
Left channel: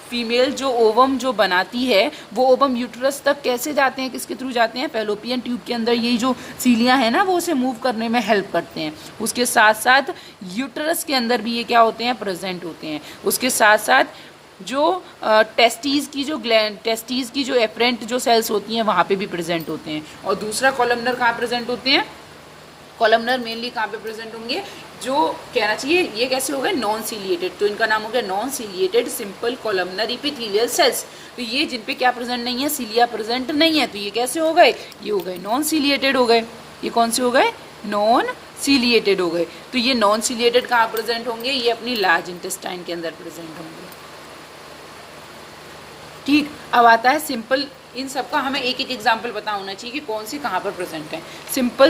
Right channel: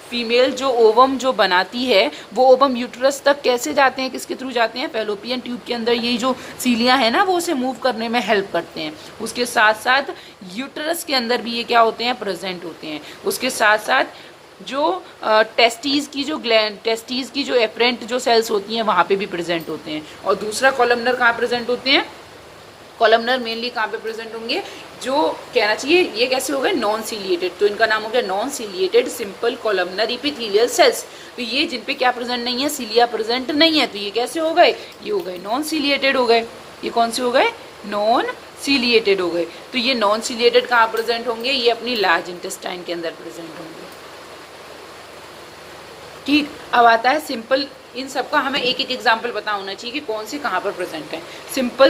फीमेल जो ओवम जो बनाती है वो ओवम यूट्रस तक कैसे जाते हैं, किसके थ्रू जाते हैं, फैलोपियन ट्यूब के अंदर। यही जो सीलिया है ना वो उसे मूव करने में हेल्प करते हैं। उसके साथ साथ यूट्रस के अंदर भी ये क्या होते हैं, प्रेजेंट होते हैं। उसके साथ साथ जो टेस्टीज की जो एफरेंट जो सेल्स होती हैं वहाँ पे भी प्रेजेंट होते हैं। और दूसरा कॉलमनर कहाँ प्रेजेंट होते हैं, कॉलमनर मेनली कहाँ पे प्रेजेंट होंगे, जो कहना चाहिए ये कैसे हो गए, नॉन सीलिएटेड, तो इनका नाम हो गया non ciliated simple columnar epithelial cells. तो ये जिन पे क्या प्रेजेंट नहीं है, सीलिया प्रेजेंट नहीं है, तो ये कैसे हो गए, ये हो गए नॉन सीलिएटेड हो गए। ये कौन से हो गए, नॉन सीलिएटेड हो गए। तो ये नॉन सीलिएटेड कहाँ प्रेजेंट होंगे, ये अपनी लार्ज इंटेस्टाइन के अंदर प्रेजेंट होंगे। ठीक, अब आता है सिंपल। इन सबका हमें एक एक एग्जाम्पल पता होना चाहिए कि कौन से कहाँ पर प्रेजेंट है। सिंपल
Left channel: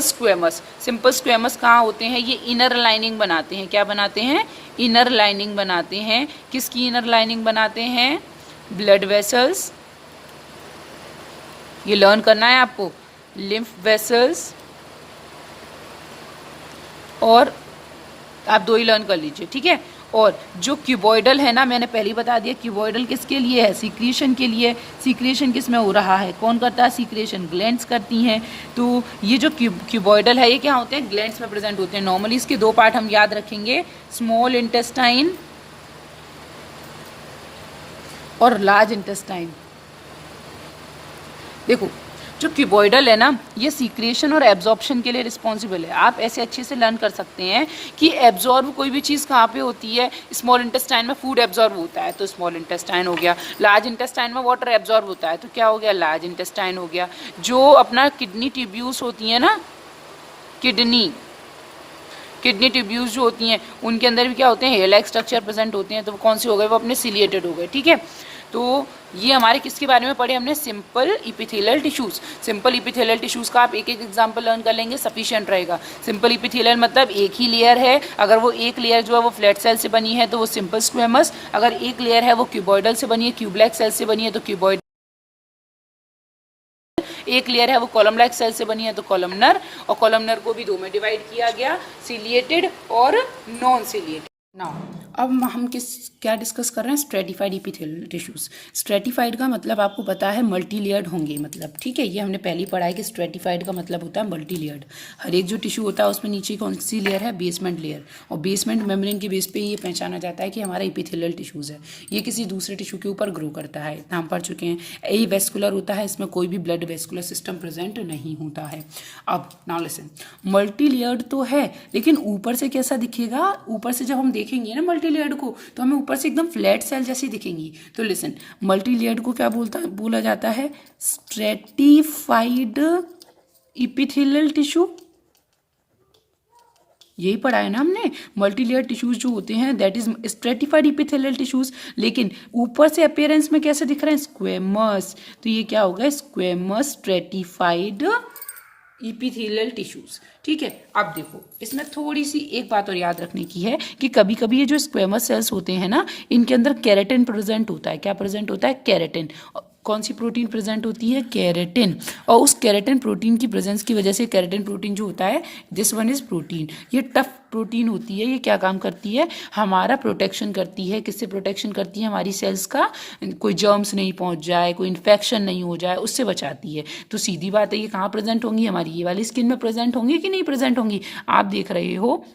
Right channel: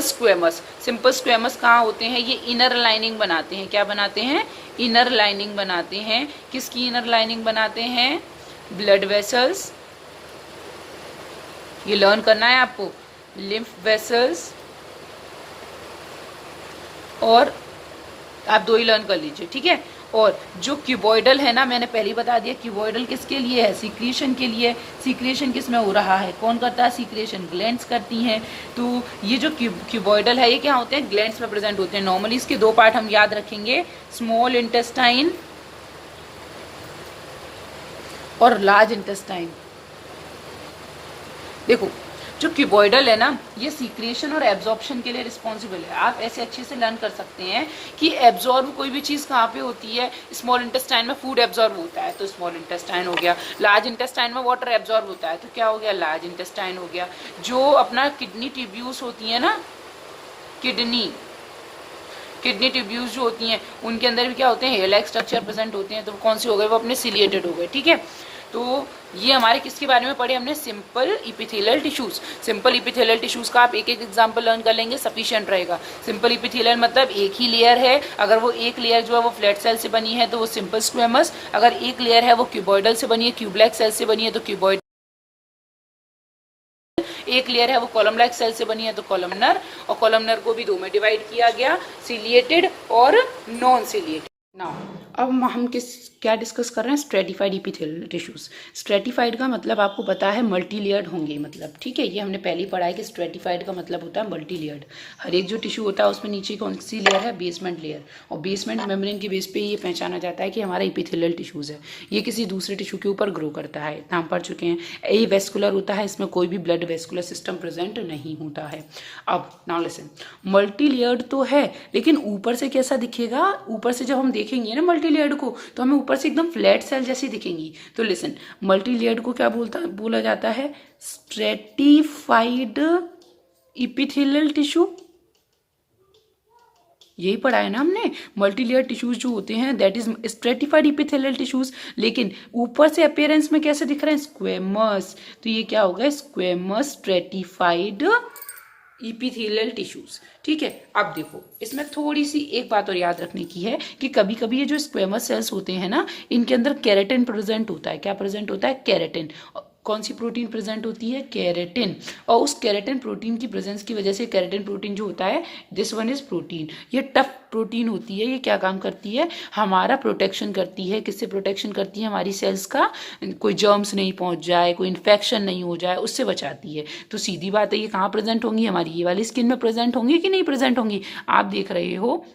स्क्वेमस कहाँ होते हैं, ये इनर लाइनिंग बनाते हैं। क्या बनाते हैं, इनर लाइनिंग बनाते हैं। किसकी इनर लाइनिंग बनाते हैं, ब्लड वेसल्स, ये लर्न करना है आपको, लिम्फ वेसल्स, और आप दो ही लर्न कर लीजिए, ठीक है। और जो क्यूबॉइडल है ना, मैंने पहले ही बता दिया, क्यूबॉइडल किसके लिए है, सीक्रेशन के लिए। सीक्रेशन किस में हो रहा है, कौन करता है सीक्रेशन, ग्लैंड्स करती हैं। तो ये जो क्यूबॉइडल है ये क्या होते हैं, ग्लैंड्स में प्रेजेंट होते हैं। नॉर्मली इसके दो पार्ट हम याद रखेंगे, स्मॉल इंटेस्टाइन और लार्ज इंटेस्टाइन। देखो जो क्यूबॉइडल है ना, ये सीक्रेशन और एब्जॉर्प्शन के लिए रिस्पॉन्सिबल है। आप ऐसे अच्छे से लर्न कर सकते हैं कि एब्जॉर्ब कोई भी चीज़ कहाँ पे होती है, स्मॉल इंटेस्टाइन में फूड एब्जॉर्ब होता है तो स्मॉल इंटेस्टाइन हो गया। लार्ज इंटेस्टाइन में वाटर एब्जॉर्ब होता है तो क्या हो गया, लार्ज इंटेस्टाइन हो गया। जो अपना किडनी ट्यूब्यूल्स होती है ना, किडनी ट्यूब्यूल्स जो होती हैं उनके अंदर भी क्या होते हैं, हेयर लाइक स्ट्रक्चर प्रेजेंट होते हैं, तो वो कौन से हो गए, वो अपने सिलिएटेड हो गए, ठीक है। तो ये हमारे किसके बारे में पढ़े हमने, simple epithelial tissues. Simple epithelial tissues का आप एक एक एग्जांपल लर्न कर लेंगे, सफिशिएंट रहेगा। सिंपल इपिथेलियल मतलब एक ही लेयर है, अगर वो एक लेयर जो है वो फ्लैट सेल से बनी है तो वो सिंपल स्क्वेमस, अगर एक लेयर है वो क्यूबॉइडल से बनी है, क्यूबलाइक सेल से बनी है तो क्यूबॉइड, एक लेयर है वो कॉलम लाइक सेल से बनी है तो कॉलमनर, और कॉलमनर को भी दो में डिवाइड किया गया, सीलिएटेड और नॉन सीलिएटेड। नाउ अब हम क्या डिस्कस कर रहे हैं, स्ट्रेटिफाइड इपिथेलियल टिश्यूज। स्ट्रेटिफाइड का मतलब आपको पता है मल्टी लेयर्ड होंगे, मतलब ठीक है, ये हमने पहले ही पढ़ा है कि स्ट्रेटिफाइड का मतलब होता है मल्टी लेयर्ड। हर एक जो टिश्यू होता है उसमें नीचे कौन सी लेयर है, बेसमेंट लेयर, और बेसमेंट मेम्ब्रेन के बेस पे ये पहचाना जाता है कि हमारा इपिथेलियल टिश्यूज है, ये किसी दूसरे टिश्यू के ऊपर ग्रो करता है। नाम पढ़ चुके हैं, ए वेस्कुलर होता है, इसमें कोई भी ब्लड वेस्कुलर सिस्टम प्रेजेंट नहीं होता है। अब नाउ लिसन, मल्टी लेयर्ड तो है लेकिन ऊपर से कैसा दिखेगा, ऊपर से जब हम देखेंगे ना मल्टी लेयर्ड को तो हमें ऊपर से एकदम फ्लैट सेल जैसी दिखेंगी। तो लिसन, मल्टी लेयर्ड को क्या बोला जाता है, स्ट्रेटिफाइड इपिथेलियल टिश्यू। यही पढ़ा है ना हमने, मल्टी लेयर टिश्यूज जो होते हैं that is stratified epithelial tissues. लेकिन ऊपर से अपीयरेंस में कैसे दिख रहे हैं, स्क्वेमस, तो ये क्या हो गया, स्क्वेमस स्ट्रेटिफाइड इपिथेलियल टिश्यूज, ठीक है। अब देखो इसमें थोड़ी सी एक बात और याद रखने की है कि कभी कभी ये जो स्क्वेमस सेल्स होते हैं ना, इनके अंदर केराटिन प्रेजेंट होता है। क्या प्रेजेंट होता है, केराटिन। कौन सी प्रोटीन प्रेजेंट होती है, केराटिन। और उस केराटिन प्रोटीन की प्रेजेंस की वजह से, केराटिन प्रोटीन जो होता है, दिस वन इज प्रोटीन, ये टफ प्रोटीन होती है। ये क्या काम करती है, हमारा प्रोटेक्शन करती है। किससे प्रोटेक्शन करती है, हमारी सेल्स का कोई जर्म्स नहीं पहुंच जाए, कोई इन्फेक्शन नहीं हो जाए, उससे बचाती है। तो सीधी बात है, ये कहाँ प्रेजेंट होंगी, हमारी ये वाली स्किन में प्रेजेंट होंगी कि नहीं प्रेजेंट होंगी। आप देख रहे हो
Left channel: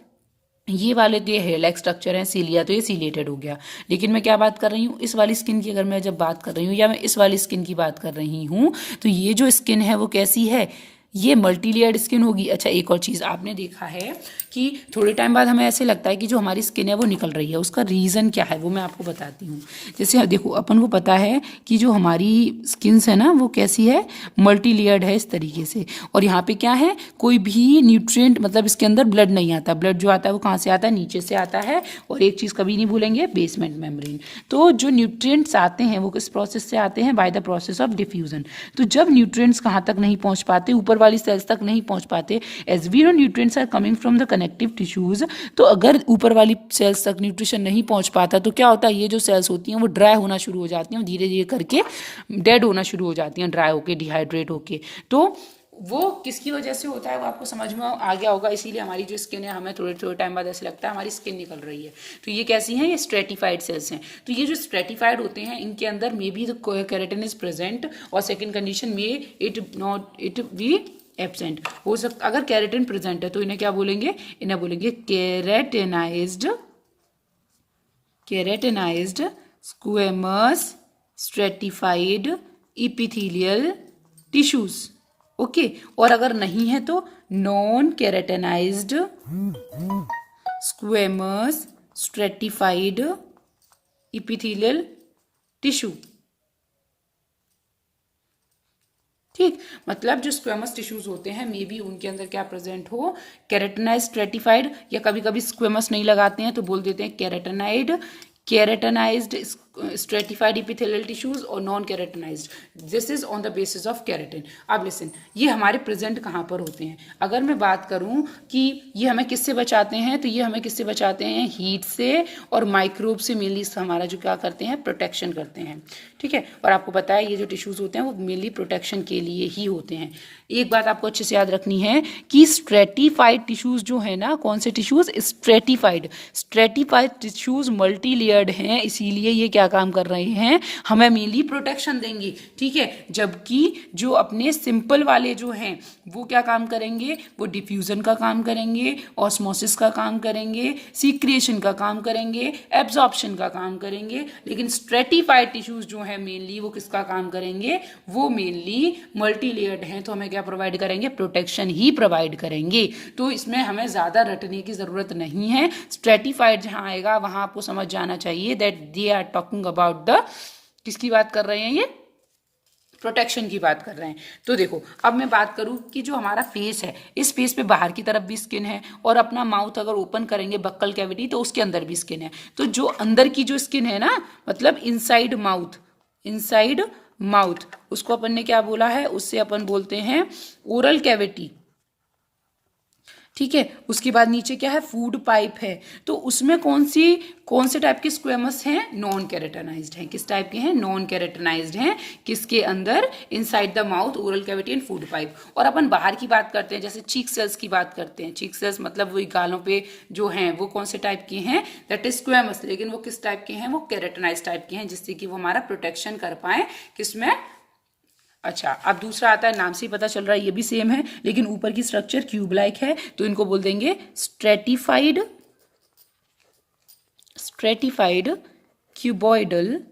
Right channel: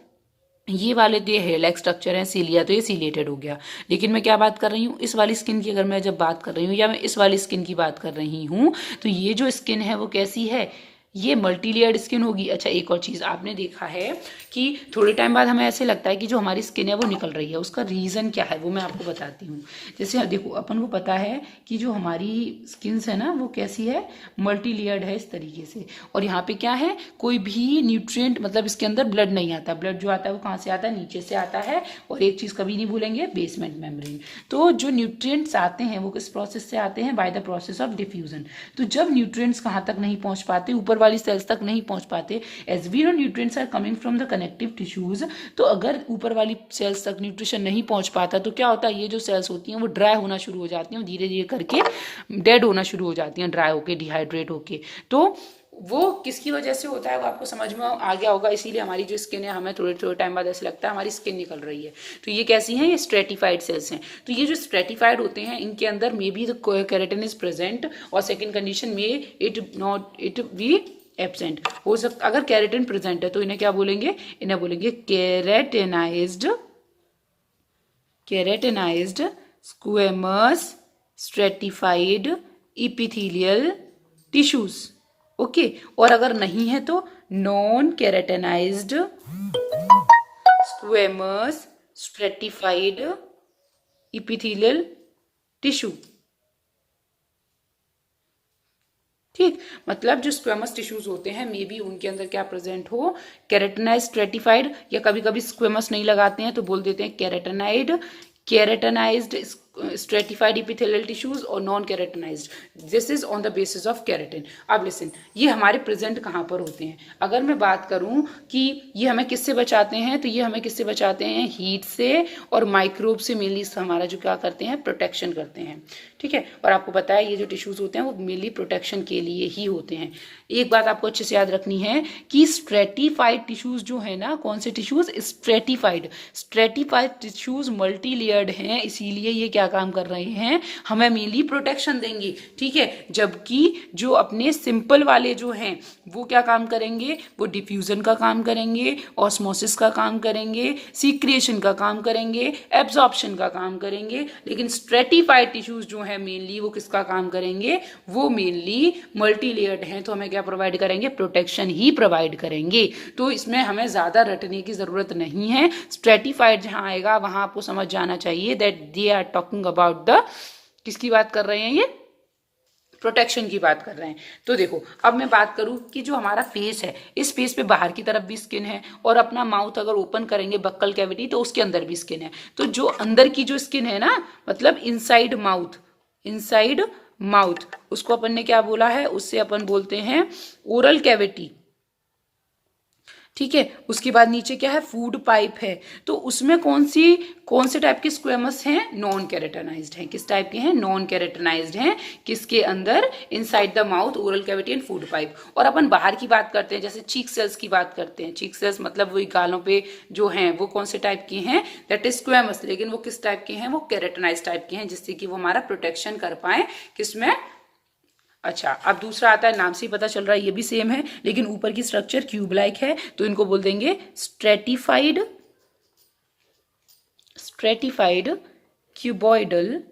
ये वाले तो ये हेयर लाइक स्ट्रक्चर है, सीलिया तो ये सीलिएटेड हो गया। लेकिन मैं क्या बात कर रही हूँ, इस वाली स्किन की अगर मैं जब बात कर रही हूँ या मैं इस वाली स्किन की बात कर रही हूँ, तो ये जो स्किन है वो कैसी है, ये मल्टी लेयर्ड स्किन होगी। अच्छा, एक और चीज़ आपने देखा है कि थोड़े टाइम बाद हमें ऐसे लगता है कि जो हमारी स्किन है वो निकल रही है, उसका रीज़न क्या है वो मैं आपको बताती हूँ। जैसे देखो, अपन को पता है कि जो हमारी स्किन्स है ना वो कैसी है, मल्टी लेयर्ड है इस तरीके से। और यहाँ पे क्या है, कोई भी न्यूट्रिएंट मतलब इसके अंदर ब्लड नहीं आता। ब्लड जो आता है वो कहाँ से आता है, नीचे से आता है। और एक चीज़ कभी नहीं भूलेंगे, बेसमेंट मेम्ब्रेन। तो जो न्यूट्रिएंट्स आते हैं वो किस प्रोसेस से आते हैं, by the process of diffusion. तो जब न्यूट्रिएंट्स कहाँ तक नहीं पहुँच पाते, ऊपर वाली सेल्स तक नहीं पहुँच पाते, as we know nutrients are coming from the connective tissues. तो अगर ऊपर वाली सेल्स तक न्यूट्रिशन नहीं पहुँच पाता तो क्या होता है, ये जो सेल्स होती हैं वो ड्राई होना शुरू हो जाती हैं, धीरे धीरे करके डेड होना शुरू हो जाती हैं, ड्राई होके, डिहाइड्रेट होके। तो वो किसकी वजह से होता है वो आपको समझ में आ गया होगा। इसीलिए हमारी जो स्किन है, हमें थोड़े थोड़े टाइम बाद ऐसे लगता है हमारी स्किन निकल रही है। तो ये कैसी हैं, ये स्ट्रेटिफाइड सेल्स हैं। तो ये जो स्ट्रेटिफाइड होते हैं इनके अंदर may be the keratin is present, और सेकंड कंडीशन में इट बी एब्सेंट हो सकता। अगर केराटिन प्रेजेंट है तो इन्हें क्या बोलेंगे, इन्हें बोलेंगे keratinized squamous stratified epithelial tissues. Okay, और अगर नहीं है तो non keratinized squamous stratified epithelial tissue. ठीक, मतलब जो स्क्वेमस टिश्यूज होते हैं मे बी उनके अंदर क्या प्रेजेंट हो, केराटिनाइज स्ट्रेटिफाइड, या कभी कभी स्क्वेमस नहीं लगाते हैं तो बोल देते हैं केराटिनाइज्ड स्ट्रेटिफाइड इपिथेलियल टिश्यूज और non keratinized. This is on the basis of keratin. अब लिसन, ये हमारे प्रेजेंट कहाँ पर होते हैं। अगर मैं बात करूं कि ये हमें किससे बचाते हैं, तो ये हमें किससे बचाते हैं, हीट से और माइक्रोब से। मेनली हमारा जो क्या करते हैं, प्रोटेक्शन करते हैं। ठीक है, और आपको पता है ये जो टिश्यूज होते हैं वो मेनली प्रोटेक्शन के लिए ही होते हैं। एक बात आपको अच्छे से याद रखनी है कि स्ट्रेटिफाइड टिश्यूज जो है ना, कौन से tissues, stratified tissues multi layered हैं, इसीलिए ये क्या काम कर रहे हैं, हमें मेनली प्रोटेक्शन देंगे। ठीक है, जबकि जो अपने सिंपल वाले जो हैं वो क्या काम करेंगे, वो डिफ्यूजन का काम करेंगे, ऑस्मोसिस का काम करेंगे, सीक्रेशन का काम करेंगे, एब्जॉर्प्शन का काम करेंगे। लेकिन स्ट्रेटिफाइड टिश्यूज जो है मेनली वो किसका काम करेंगे, वो मेनली मल्टी लेयर्ड हैं, तो हमें क्या प्रोवाइड करेंगे, प्रोटेक्शन ही प्रोवाइड करेंगे। तो इसमें हमें ज्यादा रटने की जरूरत नहीं है। स्ट्रेटिफाइड जहां आएगा वहां आपको समझ जाना चाहिए that they are talking about the, किसकी बात कर रहे हैं, ये प्रोटेक्शन की बात कर रहे हैं। तो देखो, अब मैं बात करूं कि जो हमारा फेस है, इस फेस पे बाहर की तरफ भी स्किन है, और अपना माउथ अगर ओपन करेंगे बक्कल कैविटी तो उसके अंदर भी स्किन है। तो जो अंदर की जो स्किन है ना, मतलब इनसाइड माउथ, उसको अपन ने क्या बोला है, उससे अपन बोलते हैं ओरल कैविटी। ठीक है, उसके बाद नीचे क्या है, फूड पाइप है। तो उसमें कौन से टाइप के स्क्वेमस हैं, नॉन केराटिनाइज्ड हैं। किस टाइप के हैं, नॉन केराटिनाइज्ड हैं। किसके अंदर, inside the mouth, oral cavity and food pipe. और अपन बाहर की बात करते हैं, जैसे चीक सेल्स की बात करते हैं। चीक सेल्स मतलब वही गालों पे जो हैं वो कौन से टाइप के हैं, दैट इज स्क्वेमस। लेकिन वो किस टाइप के हैं, वो केराटिनाइज्ड टाइप के हैं, जिससे कि वो हमारा प्रोटेक्शन कर पाए, किसमें। अच्छा, अब दूसरा आता है, नाम से ही पता चल रहा है ये भी सेम है, लेकिन ऊपर की स्ट्रक्चर क्यूब लाइक है, तो इनको बोल देंगे स्ट्रेटिफाइड क्यूबॉइडल।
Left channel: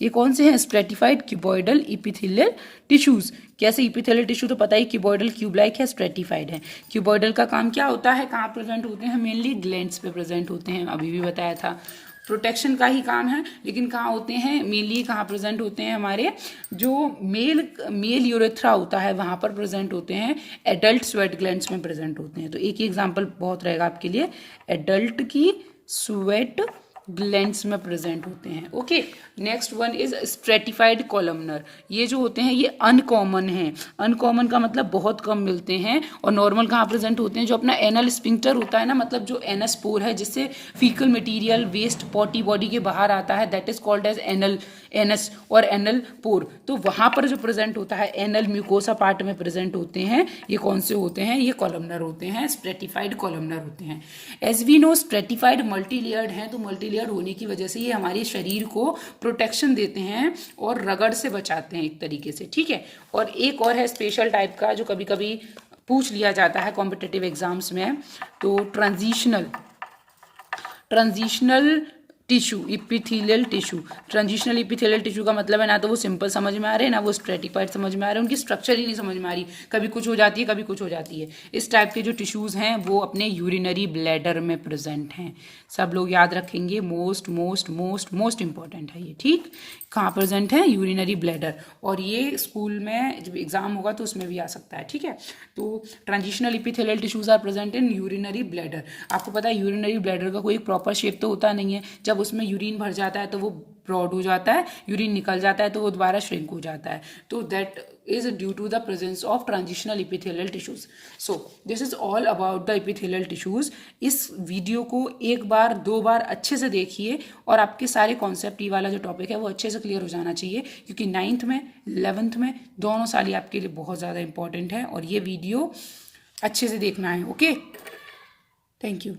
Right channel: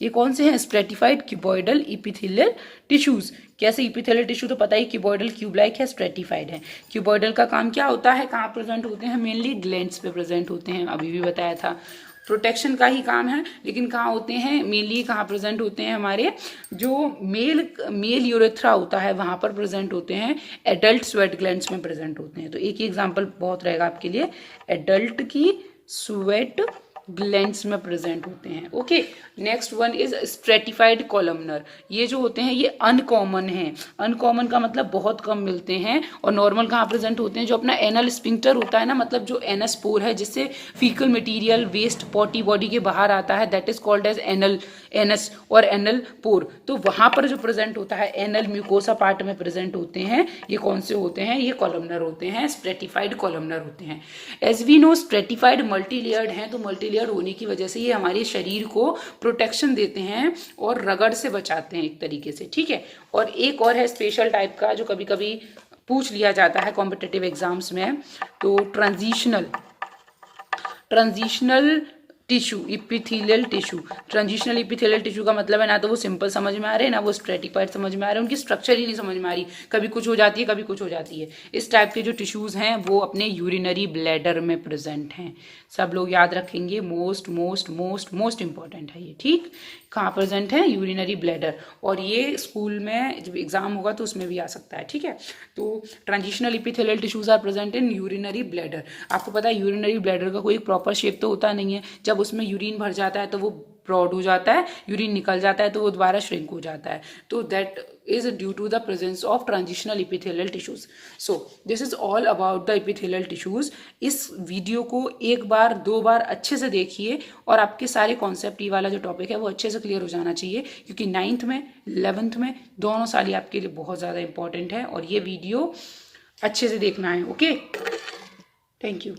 ये कौन से हैं, स्ट्रेटिफाइड क्यूबॉइडल इपिथेलियल टिश्यूज। कैसे, इपिथेलियल टिश्यू तो पता ही, क्यूबॉइडल क्यूब लाइक है, स्ट्रेटिफाइड है। क्यूबॉइडल का काम क्या होता है, कहाँ प्रेजेंट होते हैं, मेनली ग्लैंड्स पे प्रेजेंट होते हैं, अभी भी बताया था। प्रोटेक्शन का ही काम है, लेकिन कहाँ होते हैं, मेनली कहाँ प्रेजेंट होते हैं, हमारे जो मेल यूरेथ्रा होता है वहां पर प्रेजेंट होते हैं। एडल्ट स्वेट ग्लैंड्स में प्रेजेंट होते हैं। तो एक ही एग्जांपल बहुत रहेगा आपके लिए, एडल्ट की स्वेट ग्लैंड्स में प्रेजेंट होते हैं। Okay, next one is stratified columnar. ये जो होते हैं ये अनकॉमन है। अनकॉमन का मतलब बहुत कम मिलते हैं। और नॉर्मल कहाँ प्रेजेंट होते हैं, जो अपना एनल स्पिंक्टर होता है ना, मतलब जो एनस पोर है जिससे faecal material waste potty body के बाहर आता है, that is called as anus और एनल पोर। तो वहां पर जो प्रेजेंट होता है, एनल म्यूकोसा पार्ट में प्रेजेंट होते हैं, ये कौन से होते हैं, ये कॉलमनर होते हैं, स्ट्रेटिफाइड कॉलमनर होते हैं। As we know stratified multi layered हैं, तो मल्टी लेयर होने की वजह से ये हमारे शरीर को प्रोटेक्शन देते हैं और रगड़ से बचाते हैं एक तरीके से। ठीक है, और एक और है स्पेशल टाइप का, जो कभी कभी पूछ लिया जाता है कॉम्पिटिटिव एग्जाम्स में। तो transitional tissue, epithelial tissue. Transitional epithelial tissue का मतलब है ना तो वो सिंपल समझ में आ रहे हैं ना वो स्ट्रेटिफाइड समझ में आ रहे हैं, उनकी स्ट्रक्चर ही नहीं समझ में आ रही, कभी कुछ हो जाती है कभी कुछ हो जाती है। इस टाइप के जो टिश्यूज़ हैं वो अपने यूरिनरी ब्लैडर में प्रेजेंट हैं। सब लोग याद रखेंगे, most most most most important है ये। ठीक, कहाँ प्रेजेंट है? Urinary bladder. और ये स्कूल में जब एग्जाम होगा तो उसमें भी आ सकता है। ठीक है, तो transitional epithelial tissues are present in urinary bladder. आपको पता है यूरिनरी ब्लैडर का कोई प्रॉपर शेप तो होता नहीं है, जब उसमें यूरिन भर जाता है तो वो ब्रॉड हो जाता है, यूरिन निकल जाता है तो वो दोबारा श्रिंक हो जाता है। तो that is due to the presence of transitional epithelial tissues. So this is all about the epithelial tissues. इस वीडियो को एक बार दो बार अच्छे से देखिए और आपके सारे कॉन्सेप्ट, ये वाला जो टॉपिक है वो अच्छे से क्लियर हो जाना चाहिए, क्योंकि 9th में 11th में दोनों साल ये आपके लिए बहुत ज़्यादा इंपॉर्टेंट है और ये वीडियो अच्छे से देखना है। Okay, thank you.